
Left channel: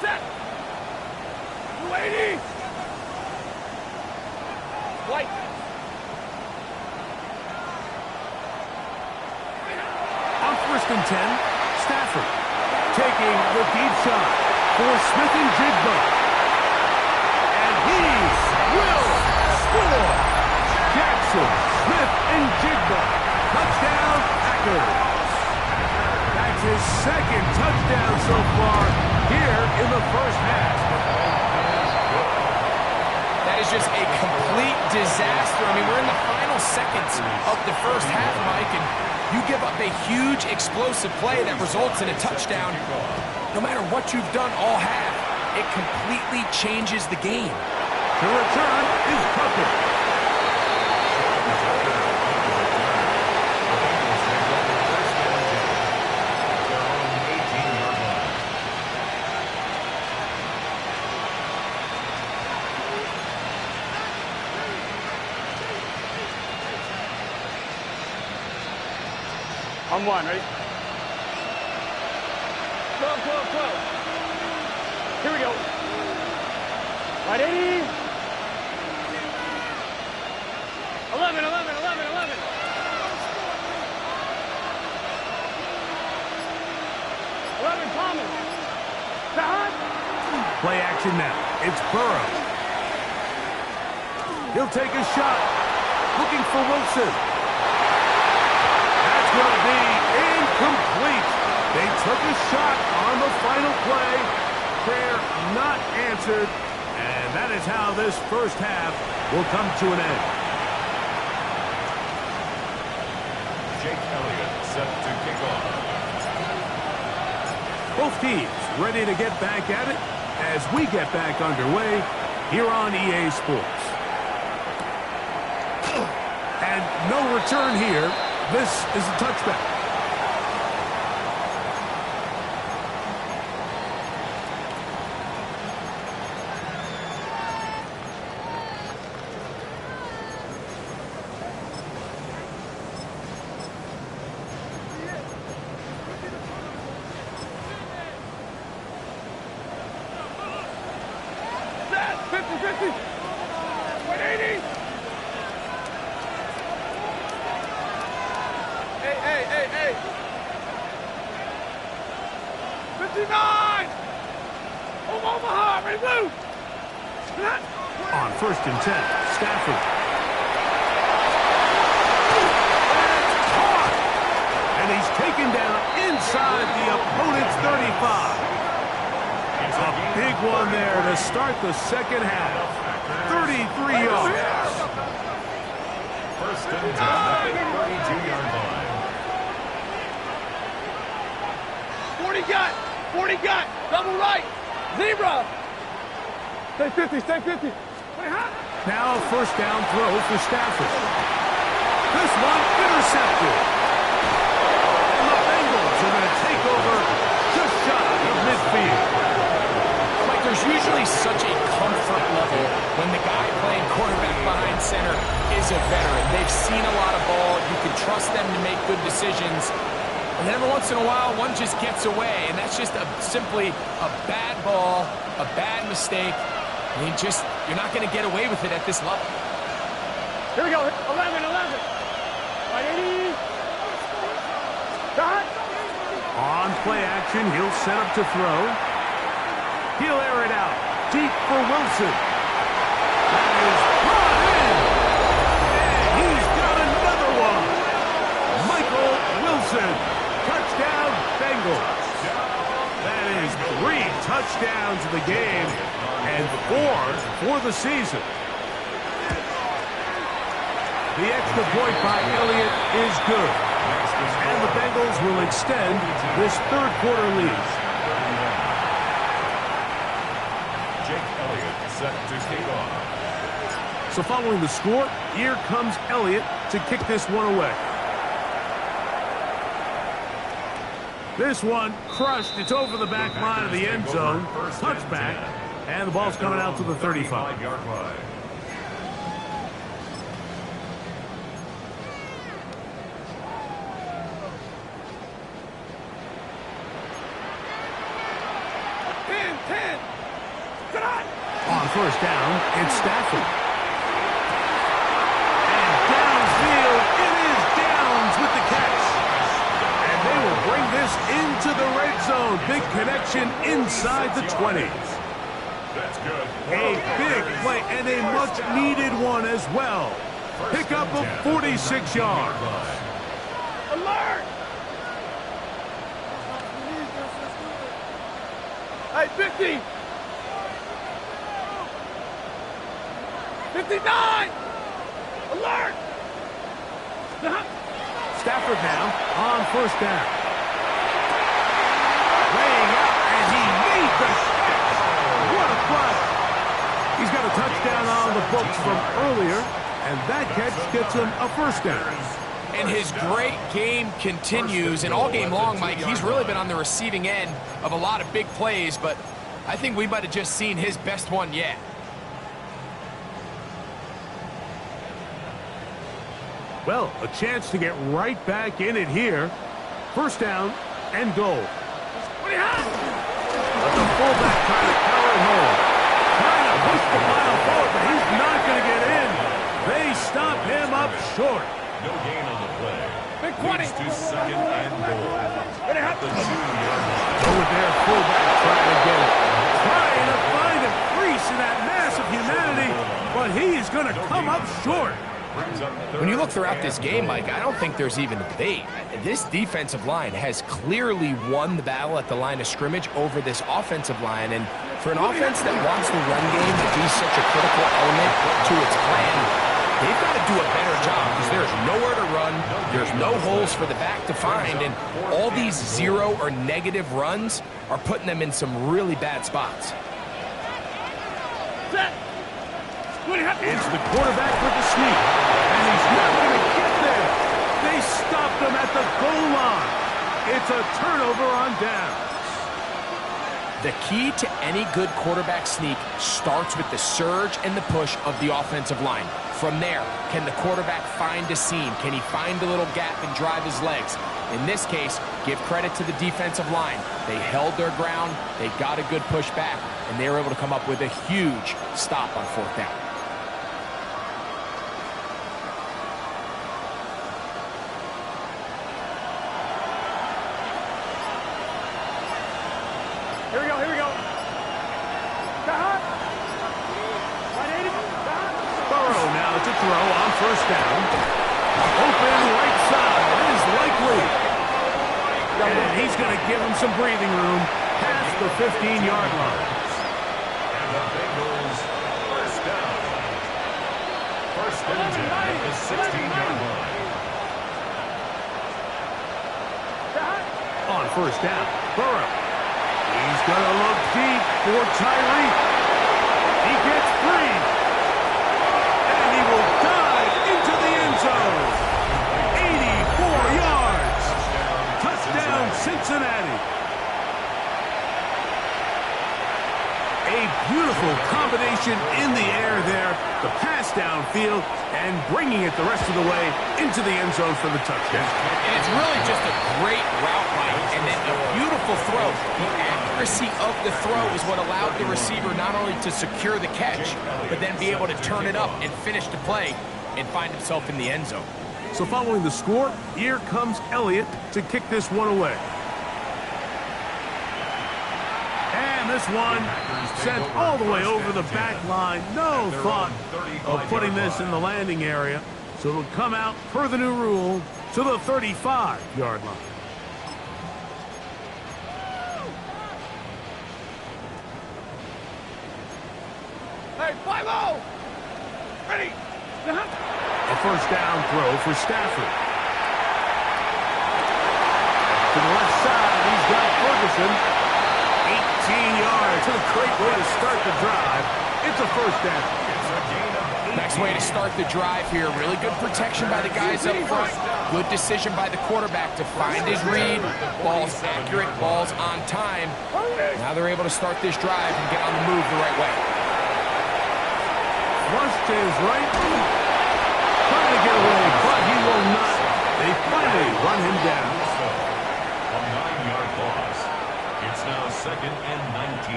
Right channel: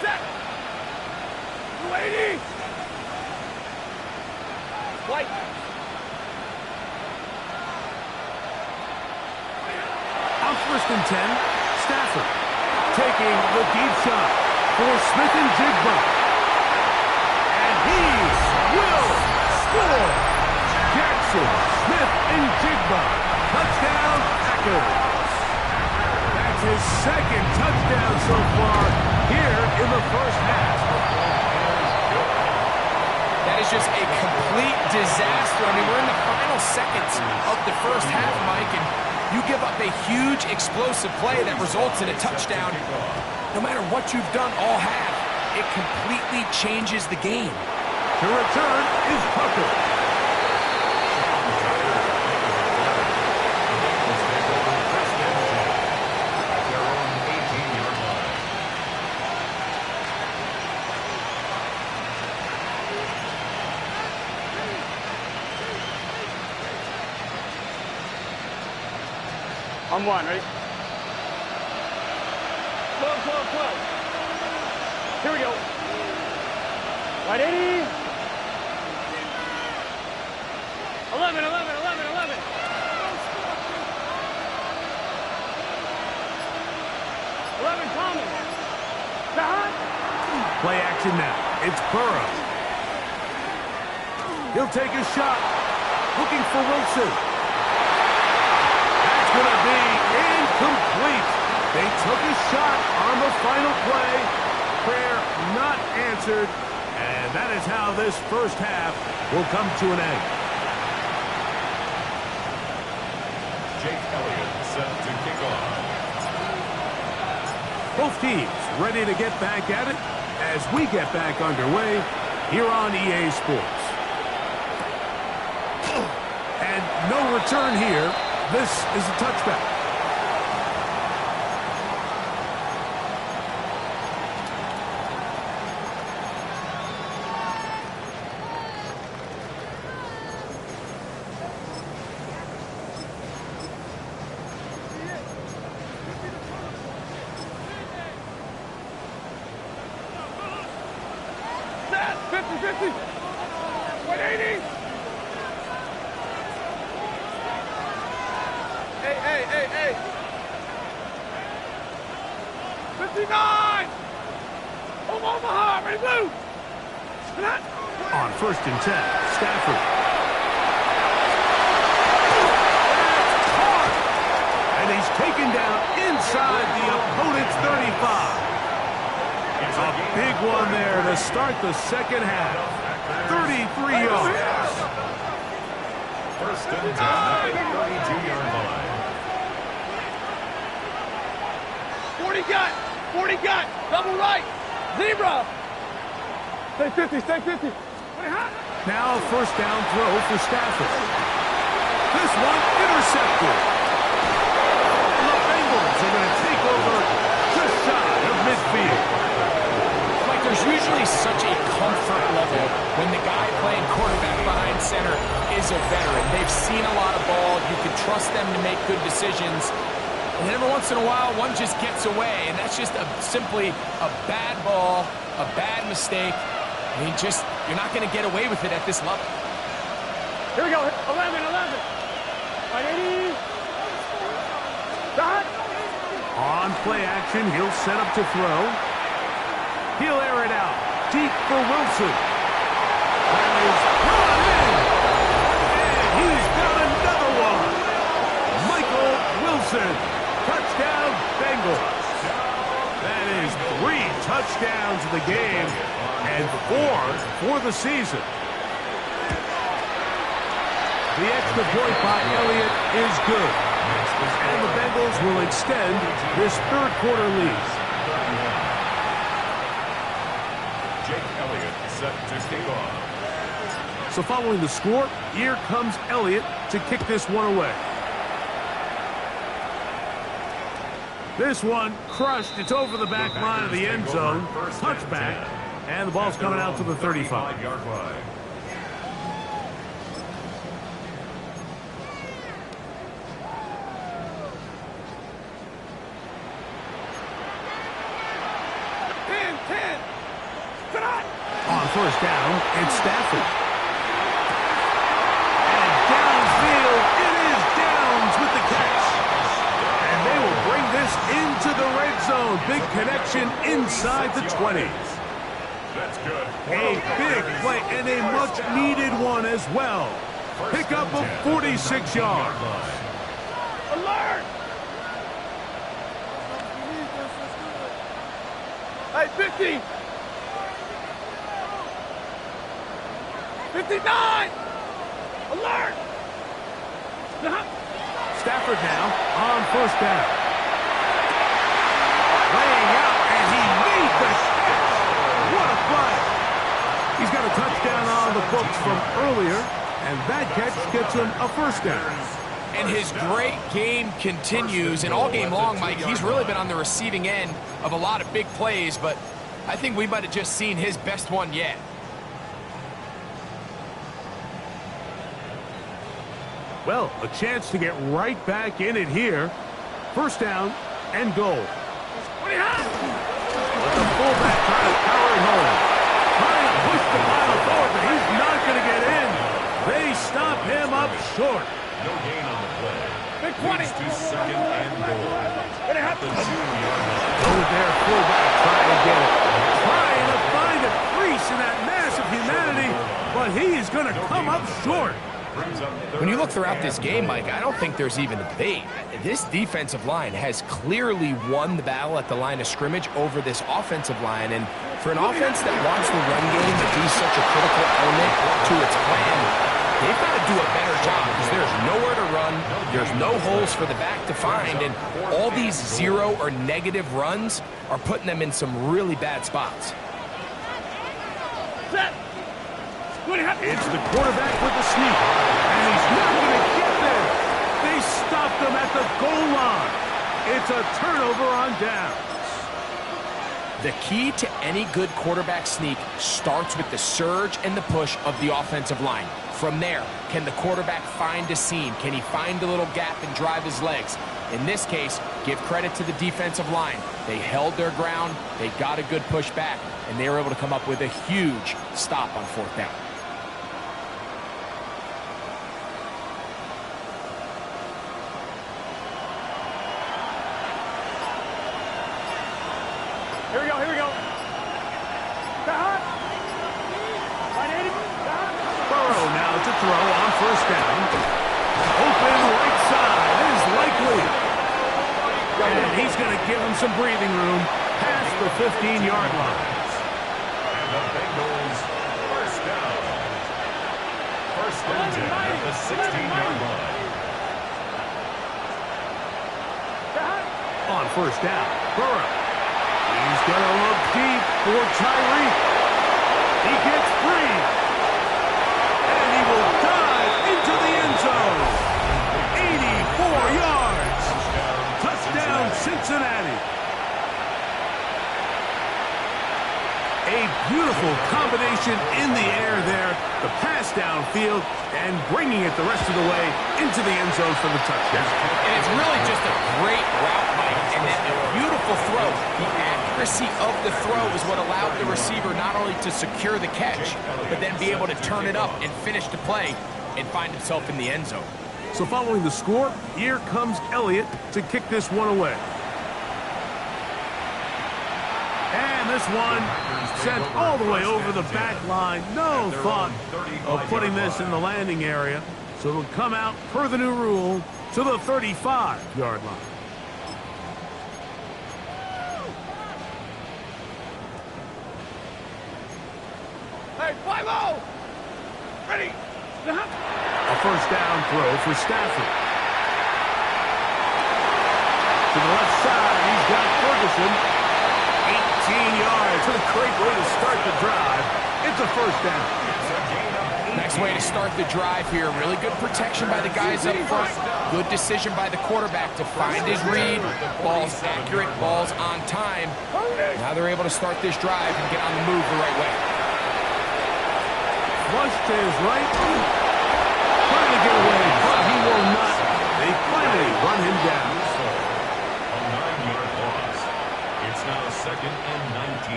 Set. 280. White. On 1st and 10, Stafford taking the deep shot for Smith and Jigba. And he will score. Jackson, Smith, and Jigba. Touchdown, Packers. That's his 2nd touchdown so far here in the 1st half. That is just a complete disaster. I mean, we're in the final seconds of the 1st half, Mike, and you give up a huge explosive play that results in a touchdown. No matter what you've done all half, it completely changes the game. To return is Tucker. The Bengals take over 1st and 10 at their own 18-yard line. On 1, ready? 12. Here we go. 180. 11. 11, Thomas. Stop. Play action now. It's Burrow. He'll take a shot. Looking for Wilson. That's going to be incomplete. They took a shot on the final play. Prayer not answered. And that is how this 1st half will come to an end. Jake Elliott set to kick off. Both teams ready to get back at it as we get back underway here on EA Sports. And no return here. This is a touchback. 250. 180. Hey. 59. Omaha, ready, blue. On 1st and 10, Stafford. That's caught. And he's taken down inside the opponent's 35. A big one there to start the second half. 33 yards. 1st and 10 at the 32-yard line. 40 gut, double right, zebra. Stay 50, stay 50. Now a 1st down throw for Stafford. This one intercepted. And the Bengals are going to take over just shy of midfield. Like, there's usually such a comfort level when the guy playing quarterback behind center is a veteran. They've seen a lot of ball. You can trust them to make good decisions. And then every once in a while, one just gets away. And that's just simply a bad ball, a bad mistake. I mean, you're not going to get away with it at this level. Here we go, 11. 180. Dot. On play action, he'll set up to throw. He'll air it out. Deep for Wilson. That is brought in. And he's got another one. Michael Wilson. Touchdown, Bengals. That is 3 touchdowns in the game and 4 for the season. The extra point by Elliott is good. And the Bengals will extend this 3rd quarter lead. 31. Jake Elliott set to kick off. So following the score, here comes Elliott to kick this one away. This one crushed. It's over the back line of the end zone. Touchback. And the ball's coming out to the 35-yard line. On 1st down, it's Stafford. And downfield, it is Downs with the catch. And they will bring this into the red zone. Big connection inside the 20s. That's good. A big play and a much-needed one as well. Pick up of 46 yards. Alert! Hey, 50! 59! Alert! Stafford now on 1st down. Laying out, and he made the catch. What a play. He's got a touchdown on the books from earlier, and that catch gets him a 1st down. And his great game continues, and all game long, Mike, he's really been on the receiving end of a lot of big plays, but I think we might have just seen his best one yet. Well, a chance to get right back in it here. 1st down and goal. What do you have? But the fullback trying to power it home. Trying to push the pile forward, but he's not going to get in. They stop him up short. No gain on the play. Big 20. Leads to 2nd and goal. What do you have? The 2-yard line. Go with their fullback trying to get it. Trying to find a crease in that mass of humanity, but he is going to come up short. When you look throughout this game, Mike, I don't think there's even a debate. This defensive line has clearly won the battle at the line of scrimmage over this offensive line. And for an offense that wants the run game to be such a critical element to its plan, they've got to do a better job because there's nowhere to run. There's no holes for the back to find. And all these 0 or negative runs are putting them in some really bad spots. Set. It's the quarterback with the sneak, and he's not going to get there. They stopped him at the goal line. It's a turnover on downs. The key to any good quarterback sneak starts with the surge and the push of the offensive line. From there, can the quarterback find a seam? Can he find a little gap and drive his legs? In this case, give credit to the defensive line. They held their ground. They got a good push back. and they were able to come up with a huge stop on 4th down. Here we go, here we go. Burrow now to throw on 1st down. Open right side is likely. And he's going to give him some breathing room past the 15-yard line. And the Bengals, 1st down. 1st and 10 at the 16-yard line. On 1st down, Burrow. He's going to look deep for Tyreek. He gets free. And he will dive into the end zone. 84 yards. Touchdown, Cincinnati. A beautiful combination in the air there. The pass downfield and bringing it the rest of the way into the end zone for the touchdown. And it's really just a great route, Mike, and then a beautiful throw. The accuracy of the throw is what allowed the receiver not only to secure the catch, but then be able to turn it up and finish the play and find himself in the end zone. So following the score, here comes Elliott to kick this one away. And this one sent all the way over the back line. No thought of putting this in the landing area. So it'll come out, per the new rule, to the 35-yard line. Hey, 5-0! Ready! A 1st down throw for Stafford. To the left side, he's got Ferguson. 18 yards. What a great way to start the drive. It's a 1st down. It's a gain of 8. Nice way to start the drive here. Really good protection by the guys up front. Good decision by the quarterback to find his read. Ball's accurate, ball's on time. Now they're able to start this drive and get on the move the right way. Flushed to his right. Trying to get away, but he will not. They finally run him down. A 9-yard loss. It's now 2nd and 19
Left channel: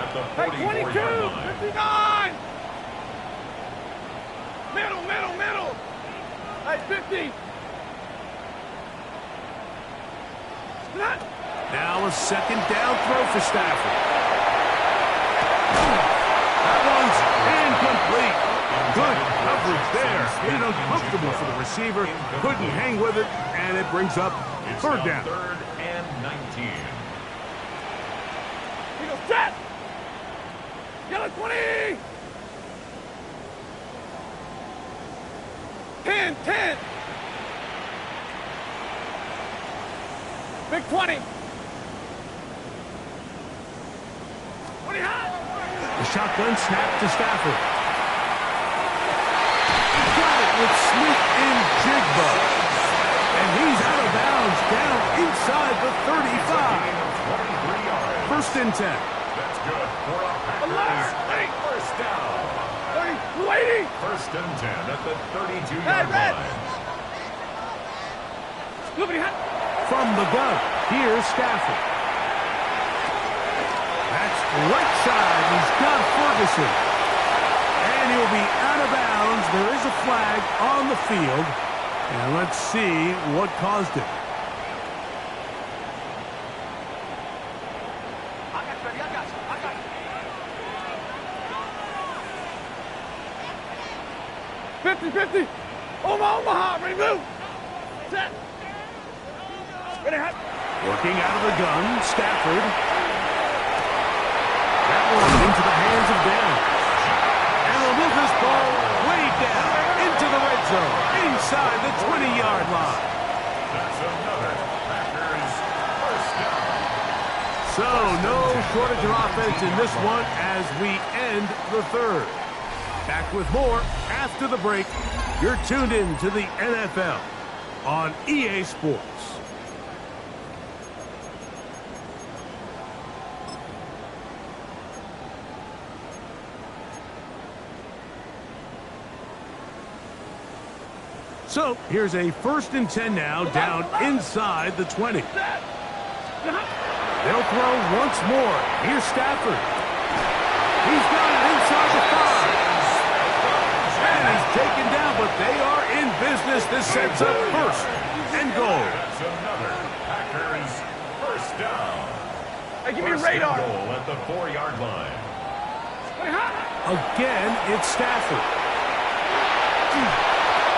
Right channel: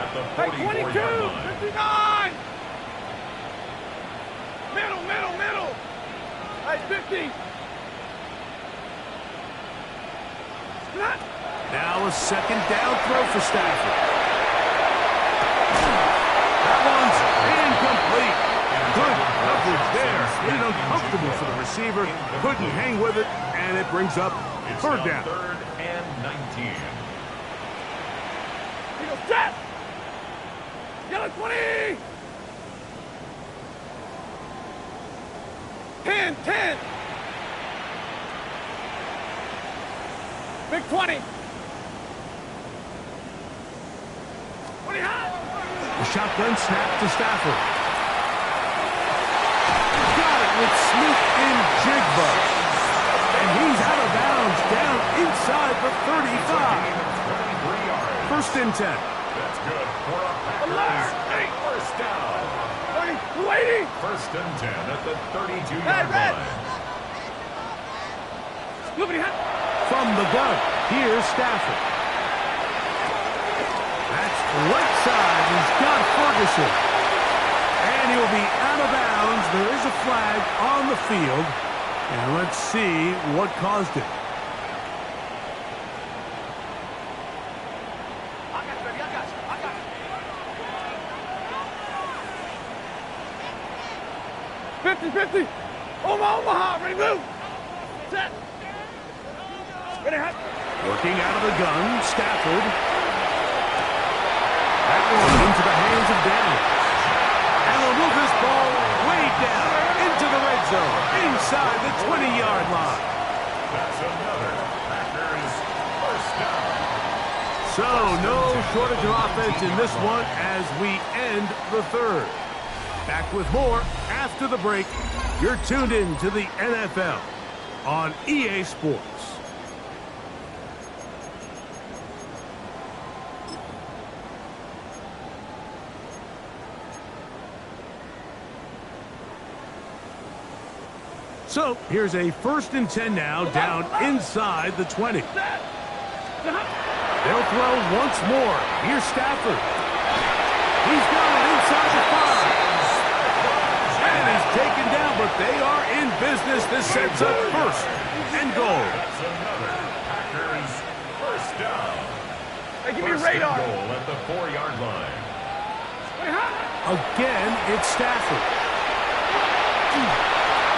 at the 44-yard line. 59! Middle! Hey, 50! Now a 2nd down throw for Stafford. That one's incomplete. Good coverage there. Made it uncomfortable for the receiver. Couldn't hang with it, and it brings up 3rd down. 3rd and 19. He goes, set! Yellow 20! 10! Big 20! 20 high! The shotgun snap to Stafford. Got it with Smith and Jigba. And he's out of bounds down inside the 35. 23 yards. 1st and 10. That's good for a Packers. 1st down. 280! 1st and 10 at the 32-yard line. From the gun, here's Stafford. That's right side. He's got Ferguson. And he'll be out of bounds. There is a flag on the field. And let's see what caused it. I got you. 50! Omaha! Ready, move! Set! Ready, hot! Working out of the gun, Stafford. That one into the hands of Downs. And they'll move this ball way down into the red zone, inside the 20-yard line. That's another Packers 1st down. So no shortage of offense in this one as we end the 3rd. Back with more after the break. You're tuned in to the NFL on EA Sports. So here's a 1st and 10 now, down inside the 20. They'll throw once more. Here's Stafford. He's got it inside the 5. And he's taken down, but they are in business. This sets up first and goal. That's another Packers first down. Hey, give me First radar. and goal at the 4-yard line. Again, it's Stafford.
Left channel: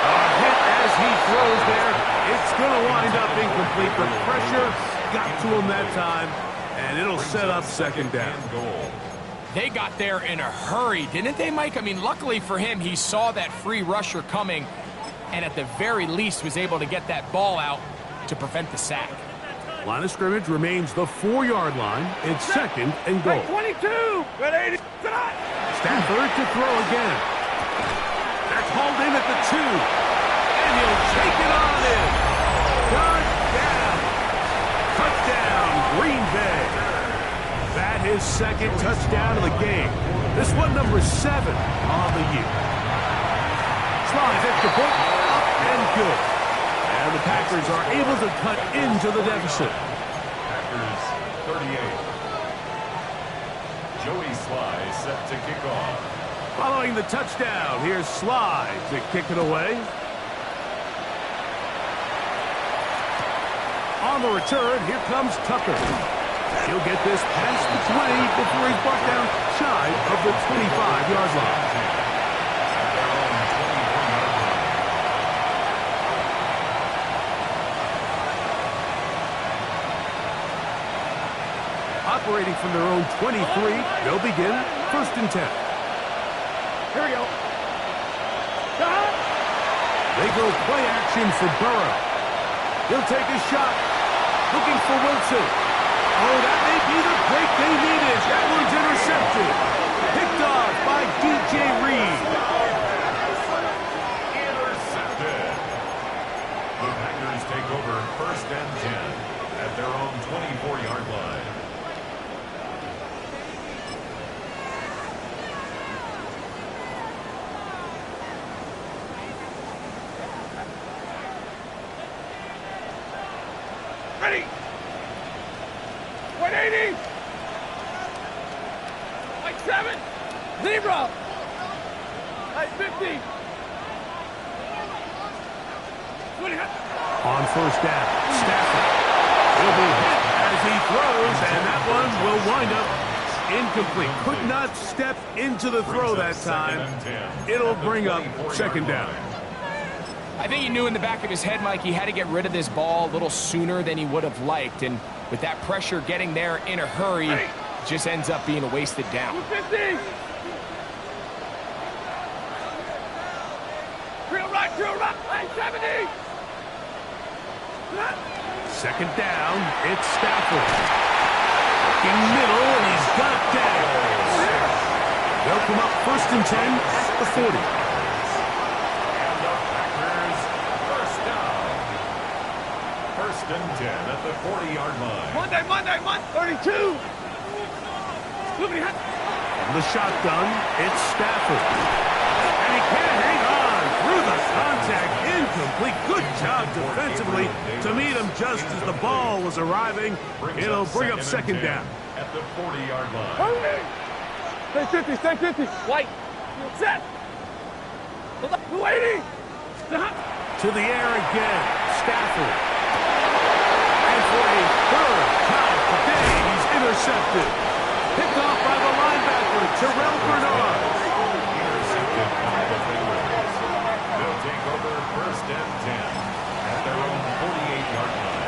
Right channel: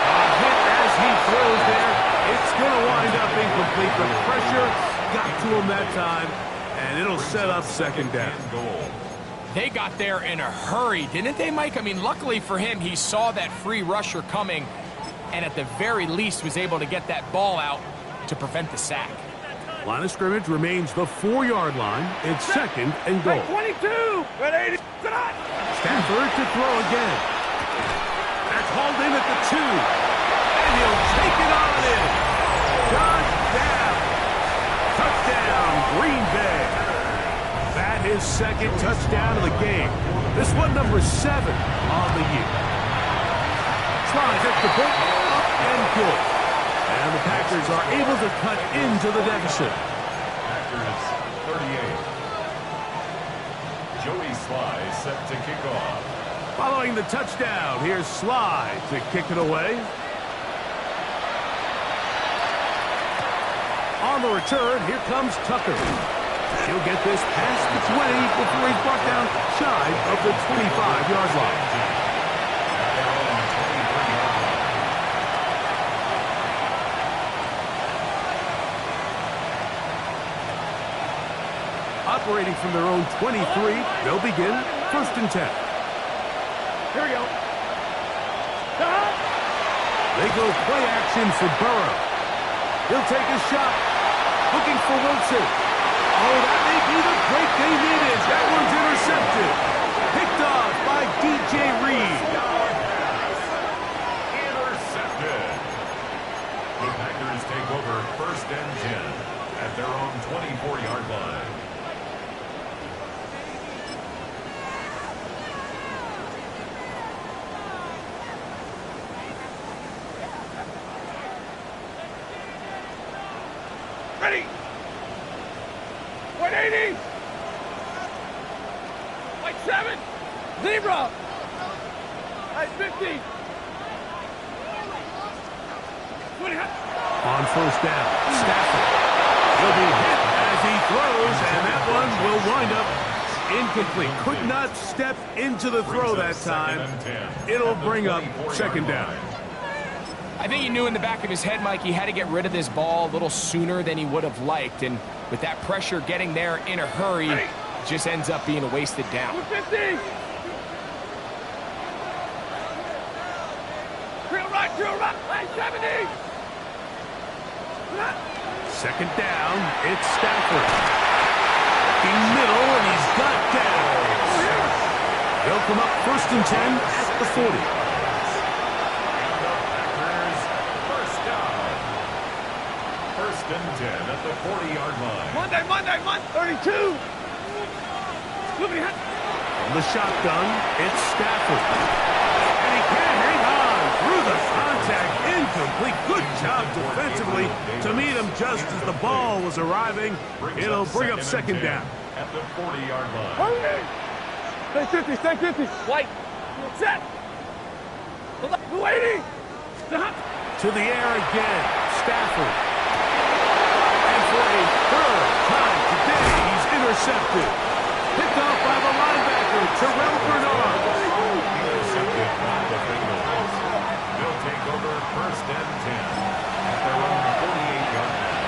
A hit as he throws there. It's going to wind up incomplete. The pressure got to him that time, and it'll set up second down. They got there in a hurry, didn't they, Mike? I mean, luckily for him, he saw that free rusher coming, and at the very least was able to get that ball out to prevent the sack. Line of scrimmage remains the 4-yard line. It's second and goal. 22. Ready? Stafford to throw again. That's hauled in at the 2. And he'll take it on in. Touchdown. Touchdown, Green Bay. That his second touchdown of the game. This one number 7 on the year. Slides at the point, up and good. And the Packers are able to cut into the deficit. Packers 38. Joey Sly set to kick off. Following the touchdown, here's Sly to kick it away. On the return, here comes Tucker. He'll get this past the 20 before he's brought down shy of the 25-yard line. At their own 23-yard line. Operating from their own 23, they'll begin first and 10. Here we go. They go play action for Burrow. He'll take a shot. Looking for Wilson. Oh, that may be the break they needed. That one's intercepted. Picked off by DJ Reed. Intercepted. The Packers take over first and 10 at their own 24-yard line. Ready. 180. Like 7. Zebra. Like 50. 20. On first down, Stafford. He'll be hit as he throws, and that one will wind up incomplete. Could not step into the throw that time. It'll bring up second down. I think he knew in the back of his head, Mike, he had to get rid of this ball a little sooner than he would have liked. And with that pressure getting there in a hurry, it just ends up being a wasted down. 50. Drill right, 70. Second down, it's Stafford. Looking middle, and he's got Downs. They'll come up first and 10 at the 40. And the Packers first down. First and 10 at the 40-yard line. Monday, 32. From the shotgun, it's Stafford. And he can't hang on through the contact. Incomplete. Good job defensively to meet him just as the ball was arriving. It'll bring up second down. At the 40-yard line. Stay 50. White. Set. 280. To the air again, Stafford. And for a third time today, he's intercepted. Picked off by the linebacker, Terrell Bernard. Intercepted by the Bengals. They'll take over first and 10 at their own 48-yard line.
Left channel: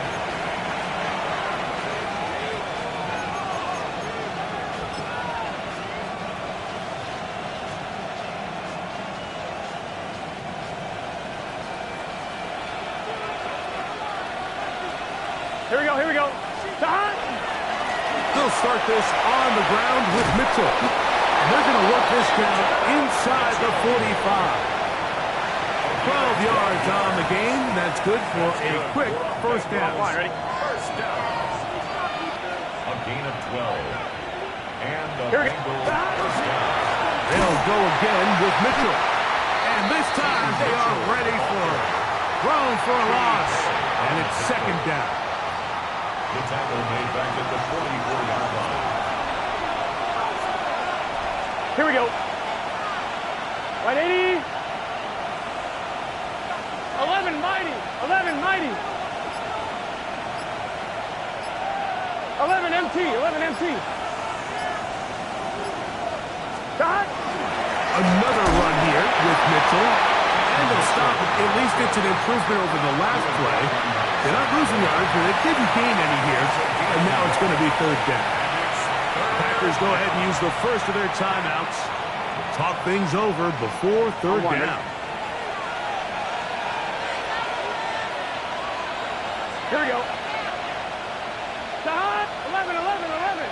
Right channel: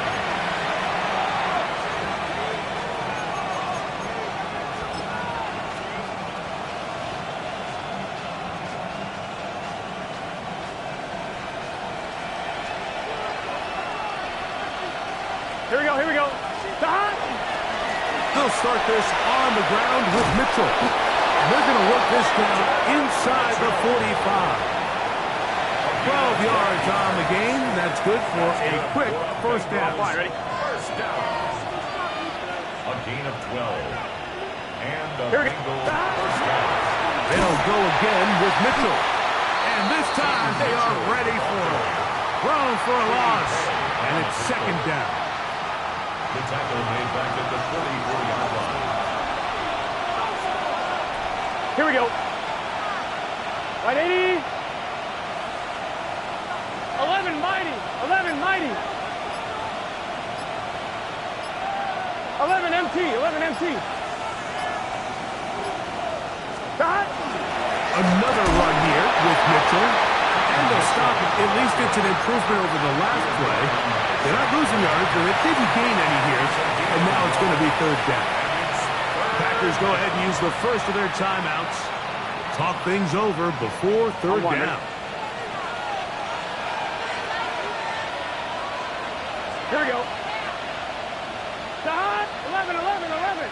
Here we go. They'll start this on the ground with Mitchell. And they're going to work this down inside the 45. 12 yards on the game. That's good for a quick first down. Ready? First down. A gain of 12. And the Here we go. Bengals first down. They'll go again with Mitchell. And this time they are ready for it. Thrown for a loss. And it's second down. The tackle made back at the 44-yard line. Here we go. Right 80. 11 mighty. 11 mighty. 11 MT. 11 MT. Shot. Another run here with Mitchell. And they'll stop it. At least it's an improvement over the last play. They're not losing yards, but they didn't gain any here. And now it's going to be third down. Packers go ahead and use the first of their timeouts. We'll talk things over before third down. Here we go. Shot. 11, 11, 11.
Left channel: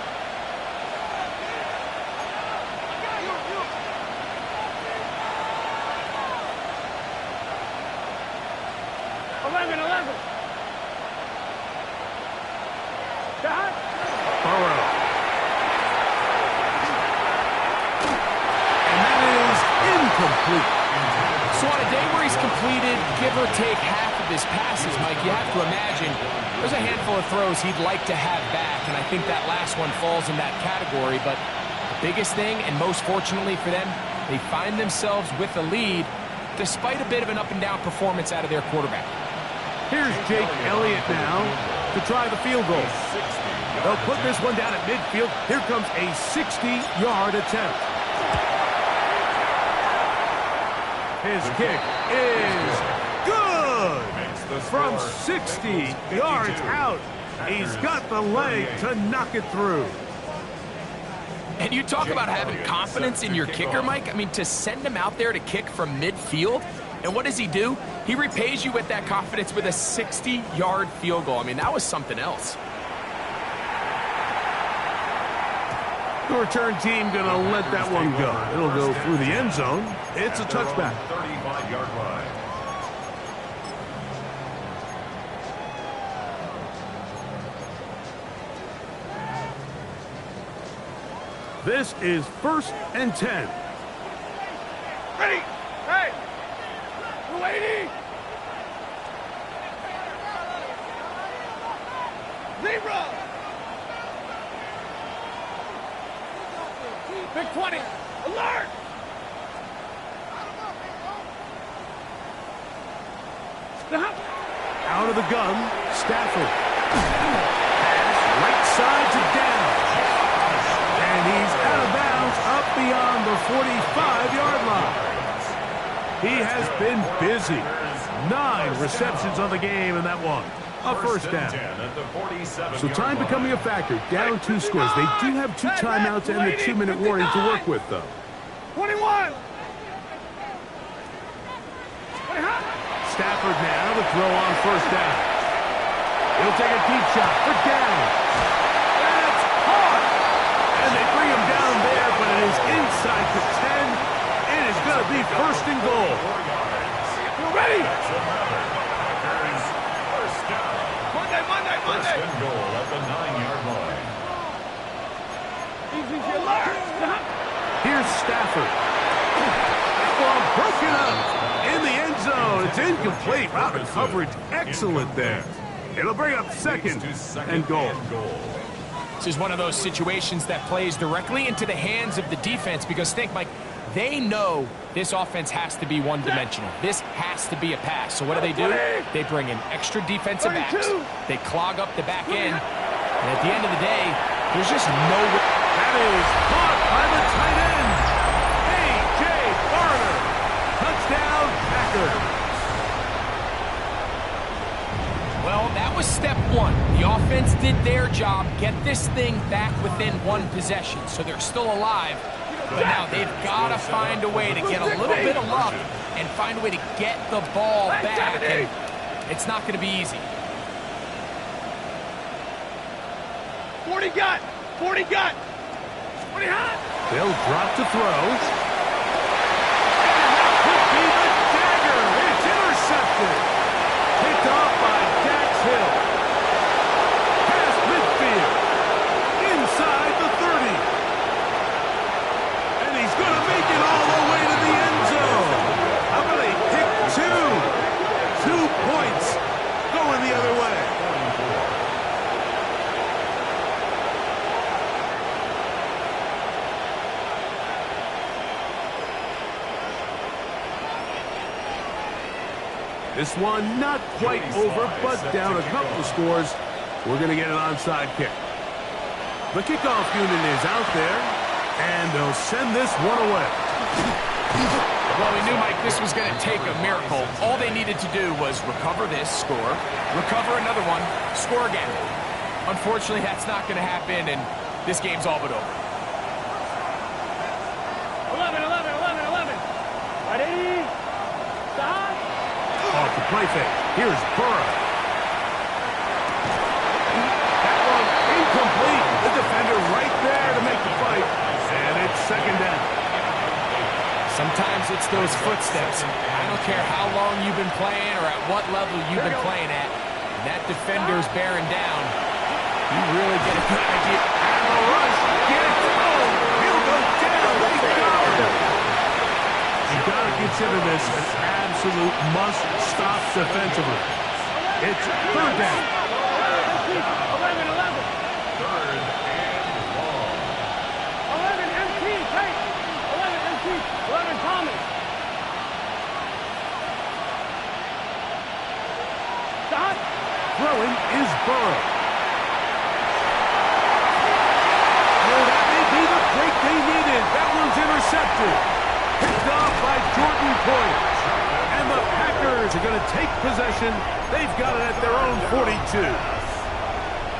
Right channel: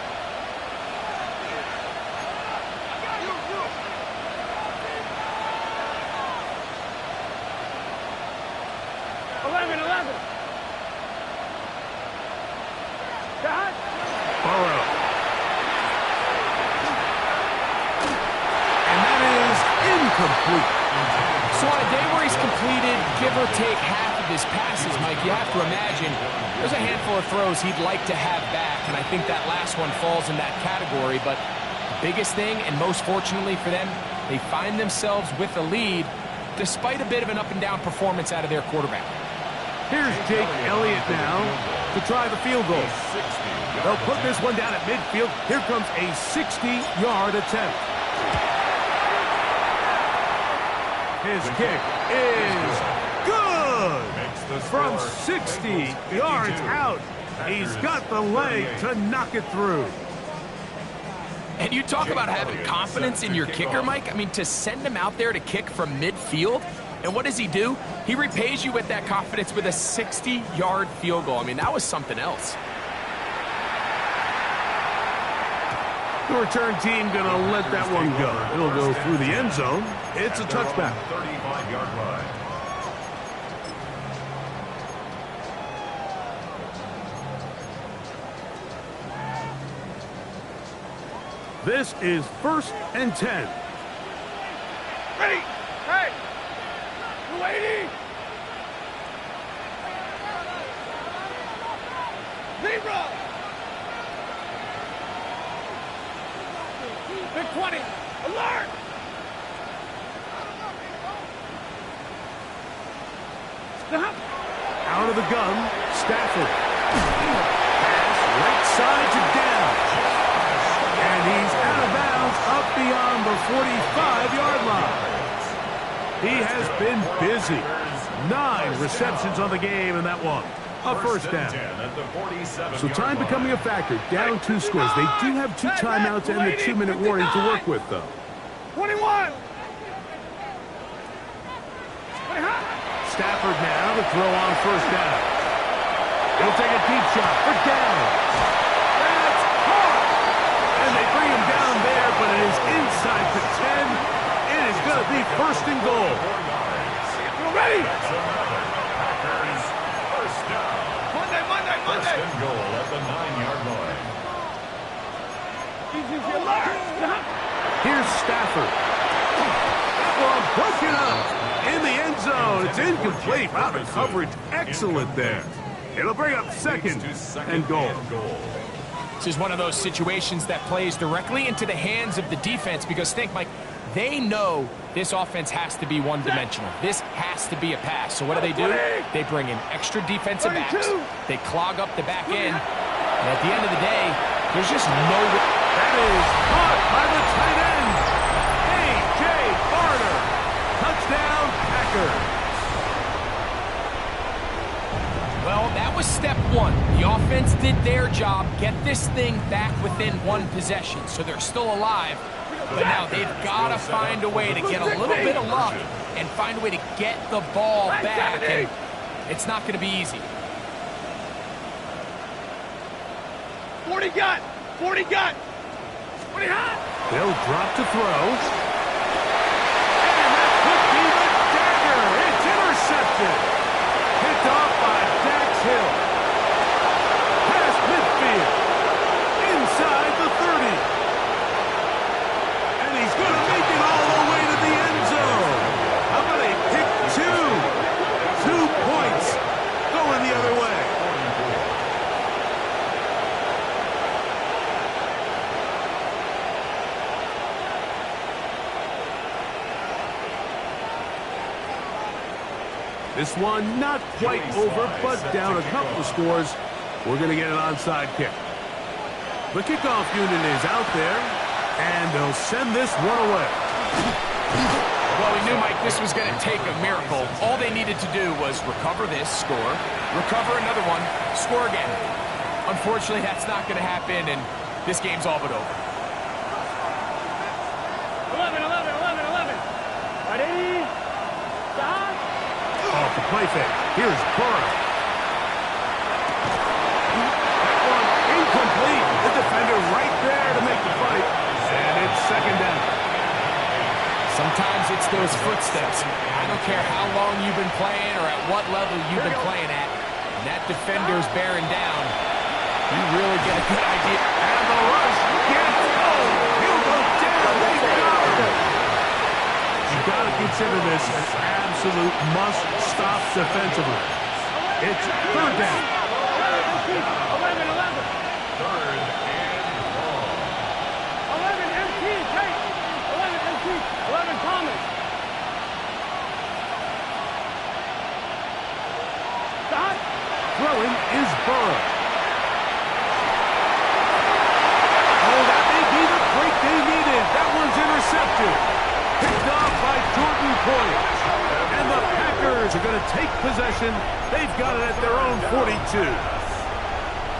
11, 11. Shot. Burrow. And that is incomplete. So on a day where he's completed, give or take half of his passes, Mike, you have to imagine there's a handful of throws he'd like to have back, and I think that last one falls in that category. But the biggest thing, and most fortunately for them, they find themselves with a lead despite a bit of an up-and-down performance out of their quarterback. Here's Jake Elliott now to try the field goal. They'll put this one down at midfield. Here comes a 60-yard attempt. His kick is good from 60 yards out. He's got the leg to knock it through. And you talk about having confidence in your kicker, Mike. I mean, to send him out there to kick from midfield, and what does he do? He repays you with that confidence with a 60-yard field goal. I mean, that was something else. The return team going to let that one go. It'll go through the end zone. It's a touchback. 35-yard line. This is 1st and 10. Ready. Hey. 280. 0. Big 20. Alert. Stop. Out of the gun, Stafford. Pass right side to down. And he's out of bounds up beyond the 45-yard line. He has been busy. 9 receptions on the game in that one. A first down. So time becoming a factor. Down 2 scores. They do have 2 timeouts and the 2-minute warning to work with, though. 21. Stafford now to throw on first down. He'll take a deep shot for down. That's caught. And they bring him down there, but it is inside the 10. It is going to be 1st and goal. You ready? Packers first down. Monday. First and goal at the 9-yard line. Easy, alert. Here's Stafford. That one broken up in the end zone. It's incomplete. Route of coverage excellent there. It'll bring up 2nd and goal. This is one of those situations that plays directly into the hands of the defense because think, Mike, they know this offense has to be one-dimensional. This has to be a pass. So what do? They bring in extra defensive backs. They clog up the back end. And at the end of the day, there's just no way. That is caught by the tight end. A.J. Barner. Touchdown, Packers. Well, that was step 1. The offense did their job, get this thing back within 1 possession. So they're still alive. But now they've got to find a way to get a little bit of luck and find a way to get the ball back. And it's not going to be easy. 40 got. 40 got. 20 hot. They'll drop to throw. And that could be the dagger. It's intercepted. Picked off by Dax Hill. Past midfield. Inside the 30. And he's going to make it all the way to the end zone. How about a pick 2? 2 points going the other way. This one not quite over, but down a couple of scores. We're going to get an onside kick. The kickoff unit is out there, and they'll send this one away. Well, we knew, Mike, this was going to take a miracle. All they needed to do was recover this, score, recover another one, score again. Unfortunately, that's not going to happen, and this game's all but over. 11, 11, 11, 11. Ready? Stop. Off the play fake. Here's Burrow. That one incomplete. The defender right there to make the fight. And it's second down. Sometimes it's those footsteps. I don't care how long you've been playing or at what level you've been playing at. And that defender's bearing down. You really get a good idea. And the rush gets home. He'll go down. They got him. You've got to consider this an absolute must-stop defensively. It's third down. 11, 11. Third and long. 11, MT, take. 11, MT. 11, Thomas. Stop. Throwing is Burrow. Oh, that may be the break they needed. That one's intercepted. Picked off by Jordan Poyer. And the Packers are going to take possession. They've got it at their own 42.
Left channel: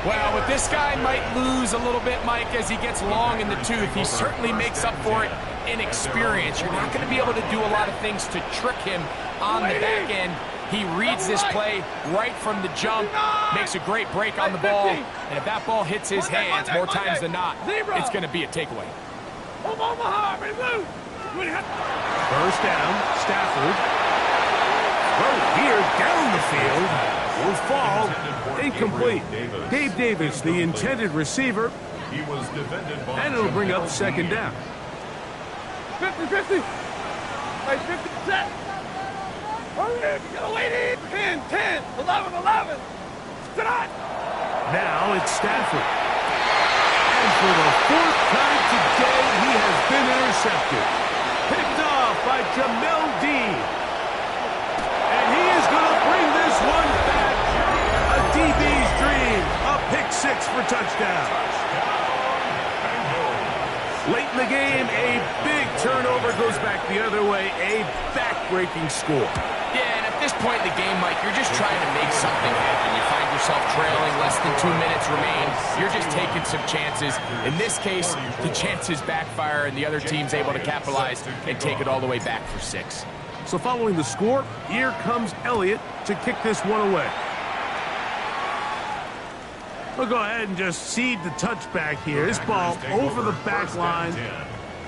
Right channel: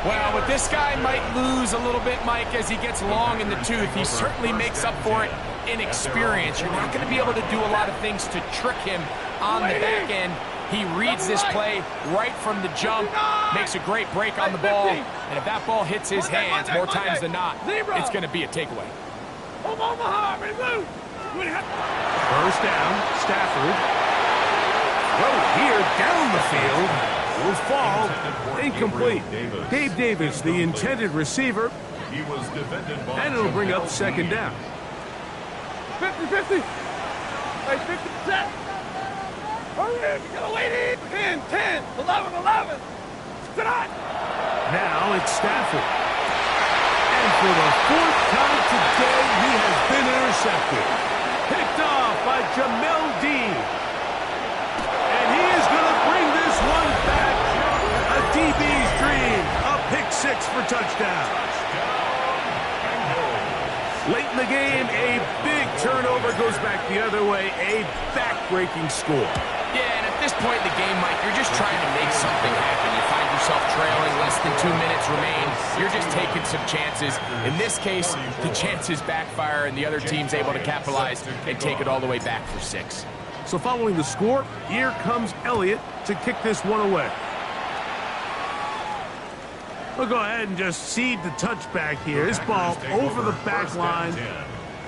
Well, but this guy might lose a little bit, Mike, as he gets long in the tooth. He certainly makes up for it in experience. You're not going to be able to do a lot of things to trick him on the back end. He reads this play right from the jump, makes a great break on the ball, and if that ball hits his hands more times than not, it's going to be a takeaway. First down, Stafford. Throw here down the field. Will fall. Incomplete. Dave Davis, the intended receiver. He was defended by And it'll bring up second down. 50-50. Hey, 50 set. Hurry, you gotta wait in. 10, 10, 11, 11. Stop. Now it's Stafford. And for the fourth time today, he has been intercepted. Picked off by Jamel Dean. And he is going to bring this one back. A DB's dream. A pick six for touchdown. Late in the game, a big turnover goes back the other way. A back-breaking score. Yeah, and at this point in the game, Mike, you're just trying to make something happen. You find yourself trailing, less than 2 minutes remain. You're just taking some chances. In this case, the chances backfire, and the other team's able to capitalize and take it all the way back for 6. So following the score, here comes Elliott to kick this one away. We'll go ahead and just cede the touchback here. This ball over the back line.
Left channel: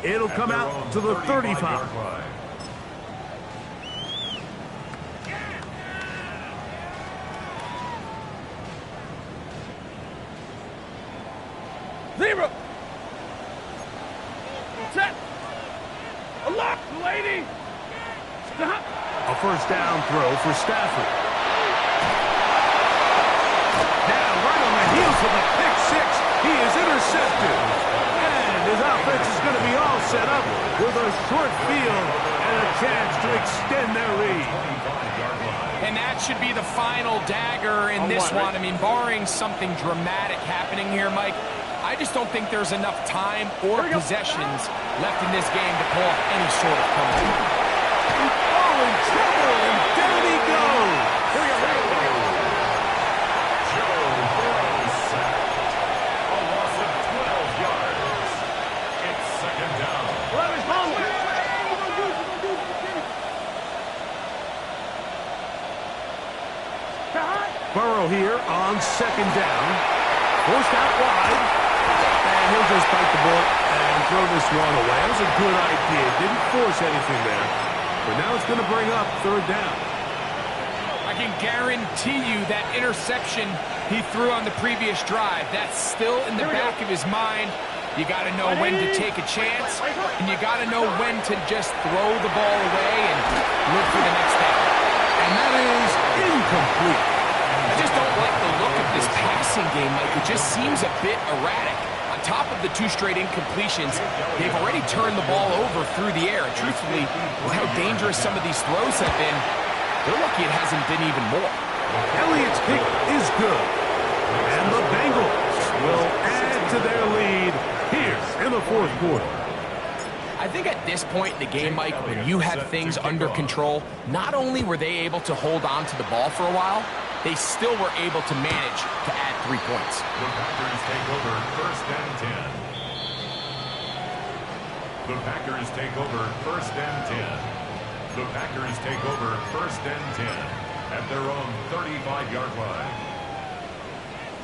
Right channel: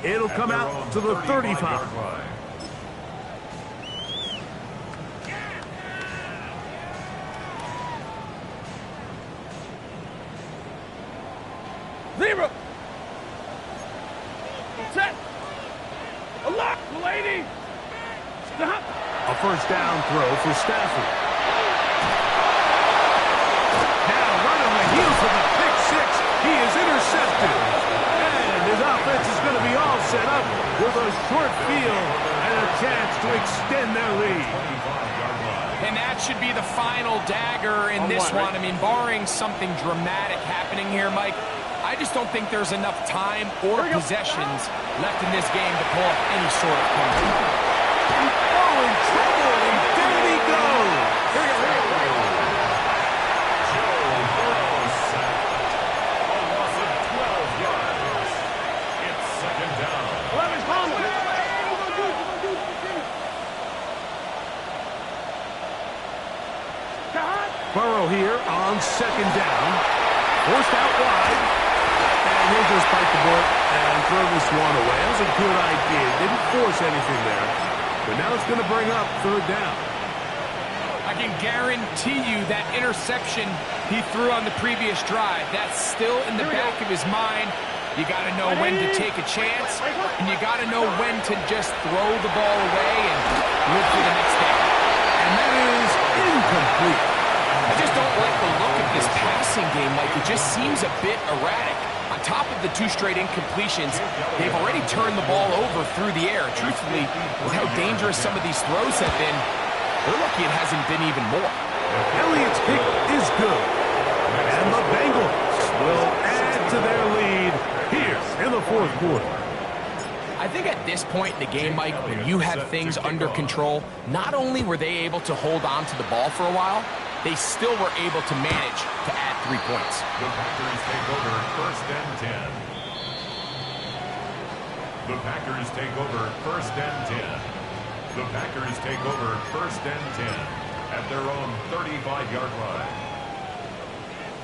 It'll come out to the 35. Zero. Set. A lock, lady. Stop. A first down throw for Stafford. Now, right on the heels of the pick six, he is intercepted. And his offense is going to be all set up with a short field and a chance to extend their lead. And that should be the final dagger in this one. I mean, barring something dramatic happening here, Mike, I just don't think there's enough time or possessions left in this game to pull off any sort of comeback. Oh, in trouble, and down he goes. Here we go, here we go, here we go. Joe Burrow sacked. A loss of 12 yards. It's second down. 11 Thomas. Burrow here on second down. Forced out wide. And he'll just bite the bullet and throw this one away. That was a good idea. Didn't force anything there. But now it's going to bring up third down. I can guarantee you that interception he threw on the previous drive, that's still in the back of his mind. You got to know when to take a chance, and you got to know when to just throw the ball away and live for the next day. And that is incomplete. I just don't like the look of this passing game, Mike. It just seems a bit erratic. On top of the 2 straight incompletions, they've already turned the ball over through the air. Truthfully, with how dangerous some of these throws have been, They're lucky it hasn't been even more. Elliott's kick is good. And the Bengals will add to their lead here in the fourth quarter. I think at this point in the game, Mike, when you have things under control, not only were they able to hold on to the ball for a while, they still were able to manage to add 3 points. The Packers take over 1st and 10. The Packers take over 1st and 10. The Packers take over 1st and 10 at their own 35-yard line.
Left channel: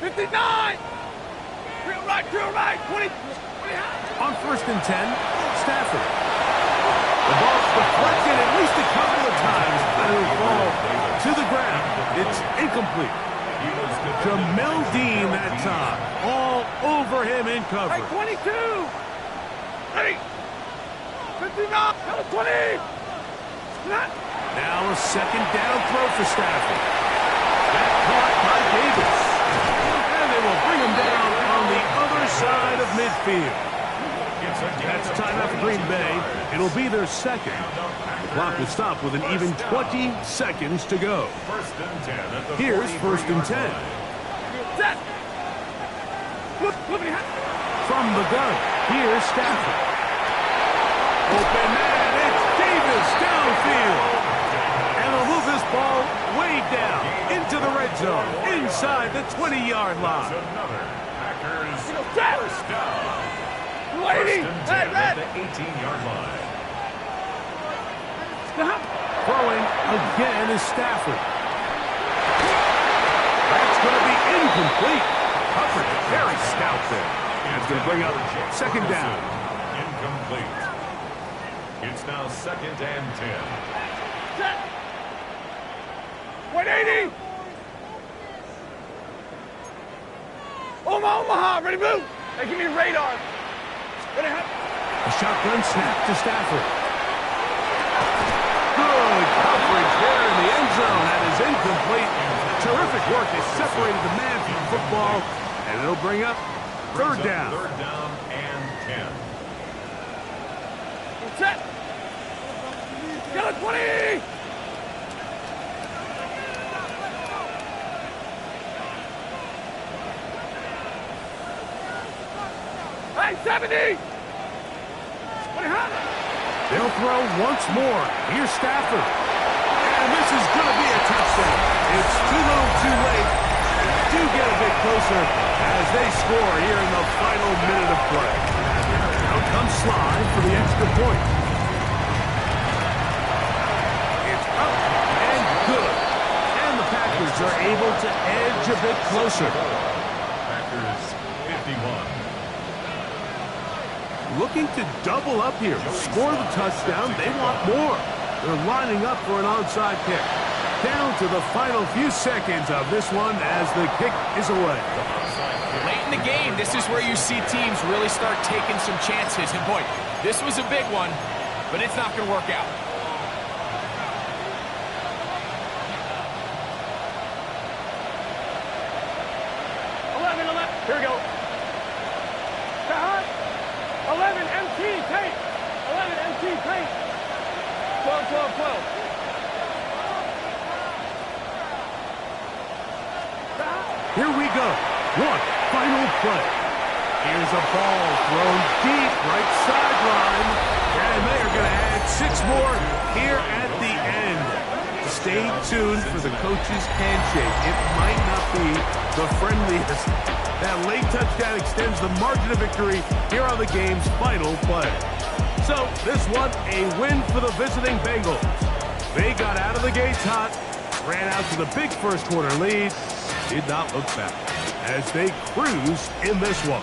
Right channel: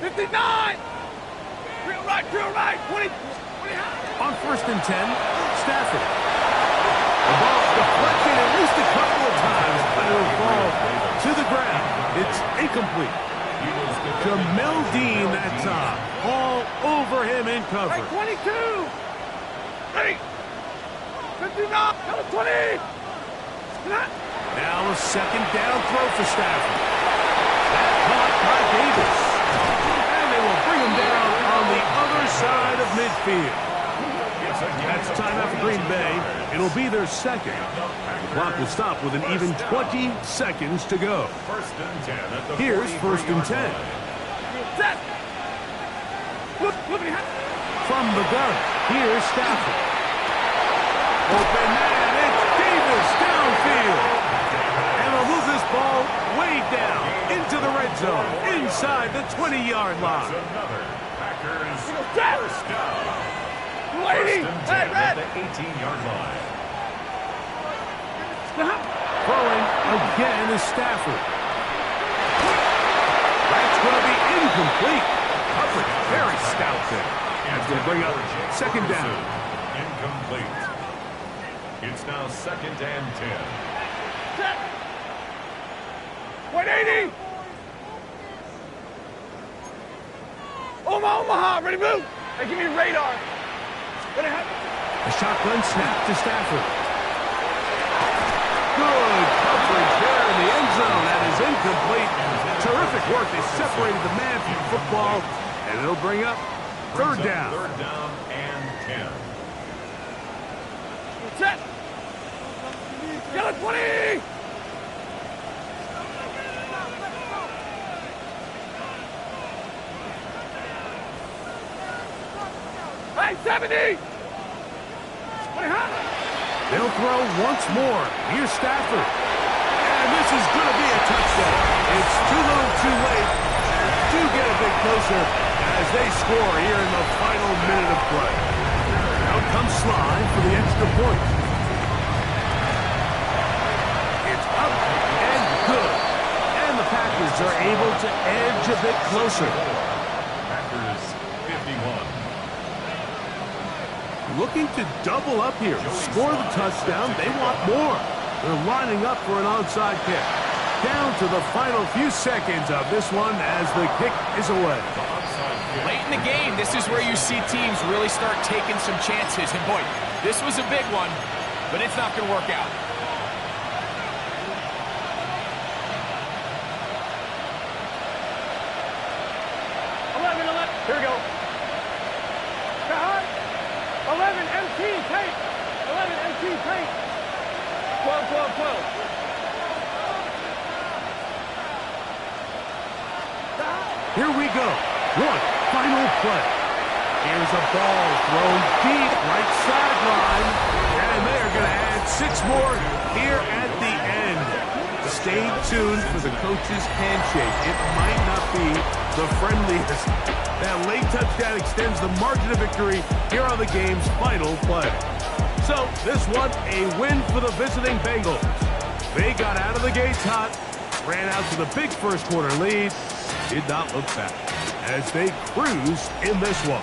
59! Real right, 20 high. On 1st and 10, Stafford. The ball's deflected at least a couple of times, but it'll fall to the ground. It's incomplete. Jamel Dean that time, all over him in coverage. 22! Ready! 59! 20! Now a second down throw for Stafford. That caught by Davis. And they will bring him down on the other side of midfield. That's timeout for Green Bay. It'll be their second. The clock will stop with an even 20 seconds to go. Here's 1st and 10. From the gun, here's Stafford. Open man, it's Davis downfield. And they'll move this ball way down into the red zone, inside the 20-yard line. Another Packers first down. 1st and 10 at the 18-yard line. Throwing again is Stafford. That's going to be incomplete. Coverage very stout there. That's going to bring up 2nd down. Incomplete. It's now 2nd and 10. 180! Omaha, ready to move! Hey, give me the radar. A shotgun snap to Stafford. Good coverage there in the end zone. That is incomplete. Terrific work. They separated the man from the football, and it'll bring up 3rd down. 3rd down and 10. Set! Get it, 20! Hey, 70! They'll throw once more. Here's Stafford. And this is going to be a touchdown. It's too little too late. Do get a bit closer as they score here in the final minute of play. Out comes Sly for the extra point. It's up and good. And the Packers are able to edge a bit closer. Packers 51. Looking to double up here. Score the touchdown. They want more. They're lining up for an onside kick. Down to the final few seconds of this one as the kick is away. Late in the game, this is where you see teams really start taking some chances. And boy, this was a big one, but it's not going to work out. Here we go. 11 MT paint. 11 MT paint. 12, 12, 12. Here we go. One final play. Here's a ball thrown deep right sideline. And they are going to add 6 more here at the end. Stay tuned for the coach's handshake. It might not be the friendliest. That late touchdown extends the margin of victory here on the game's final play. So this one, a win for the visiting Bengals. They got out of the gates hot, ran out to the big first quarter lead, did not look back as they cruise in this one.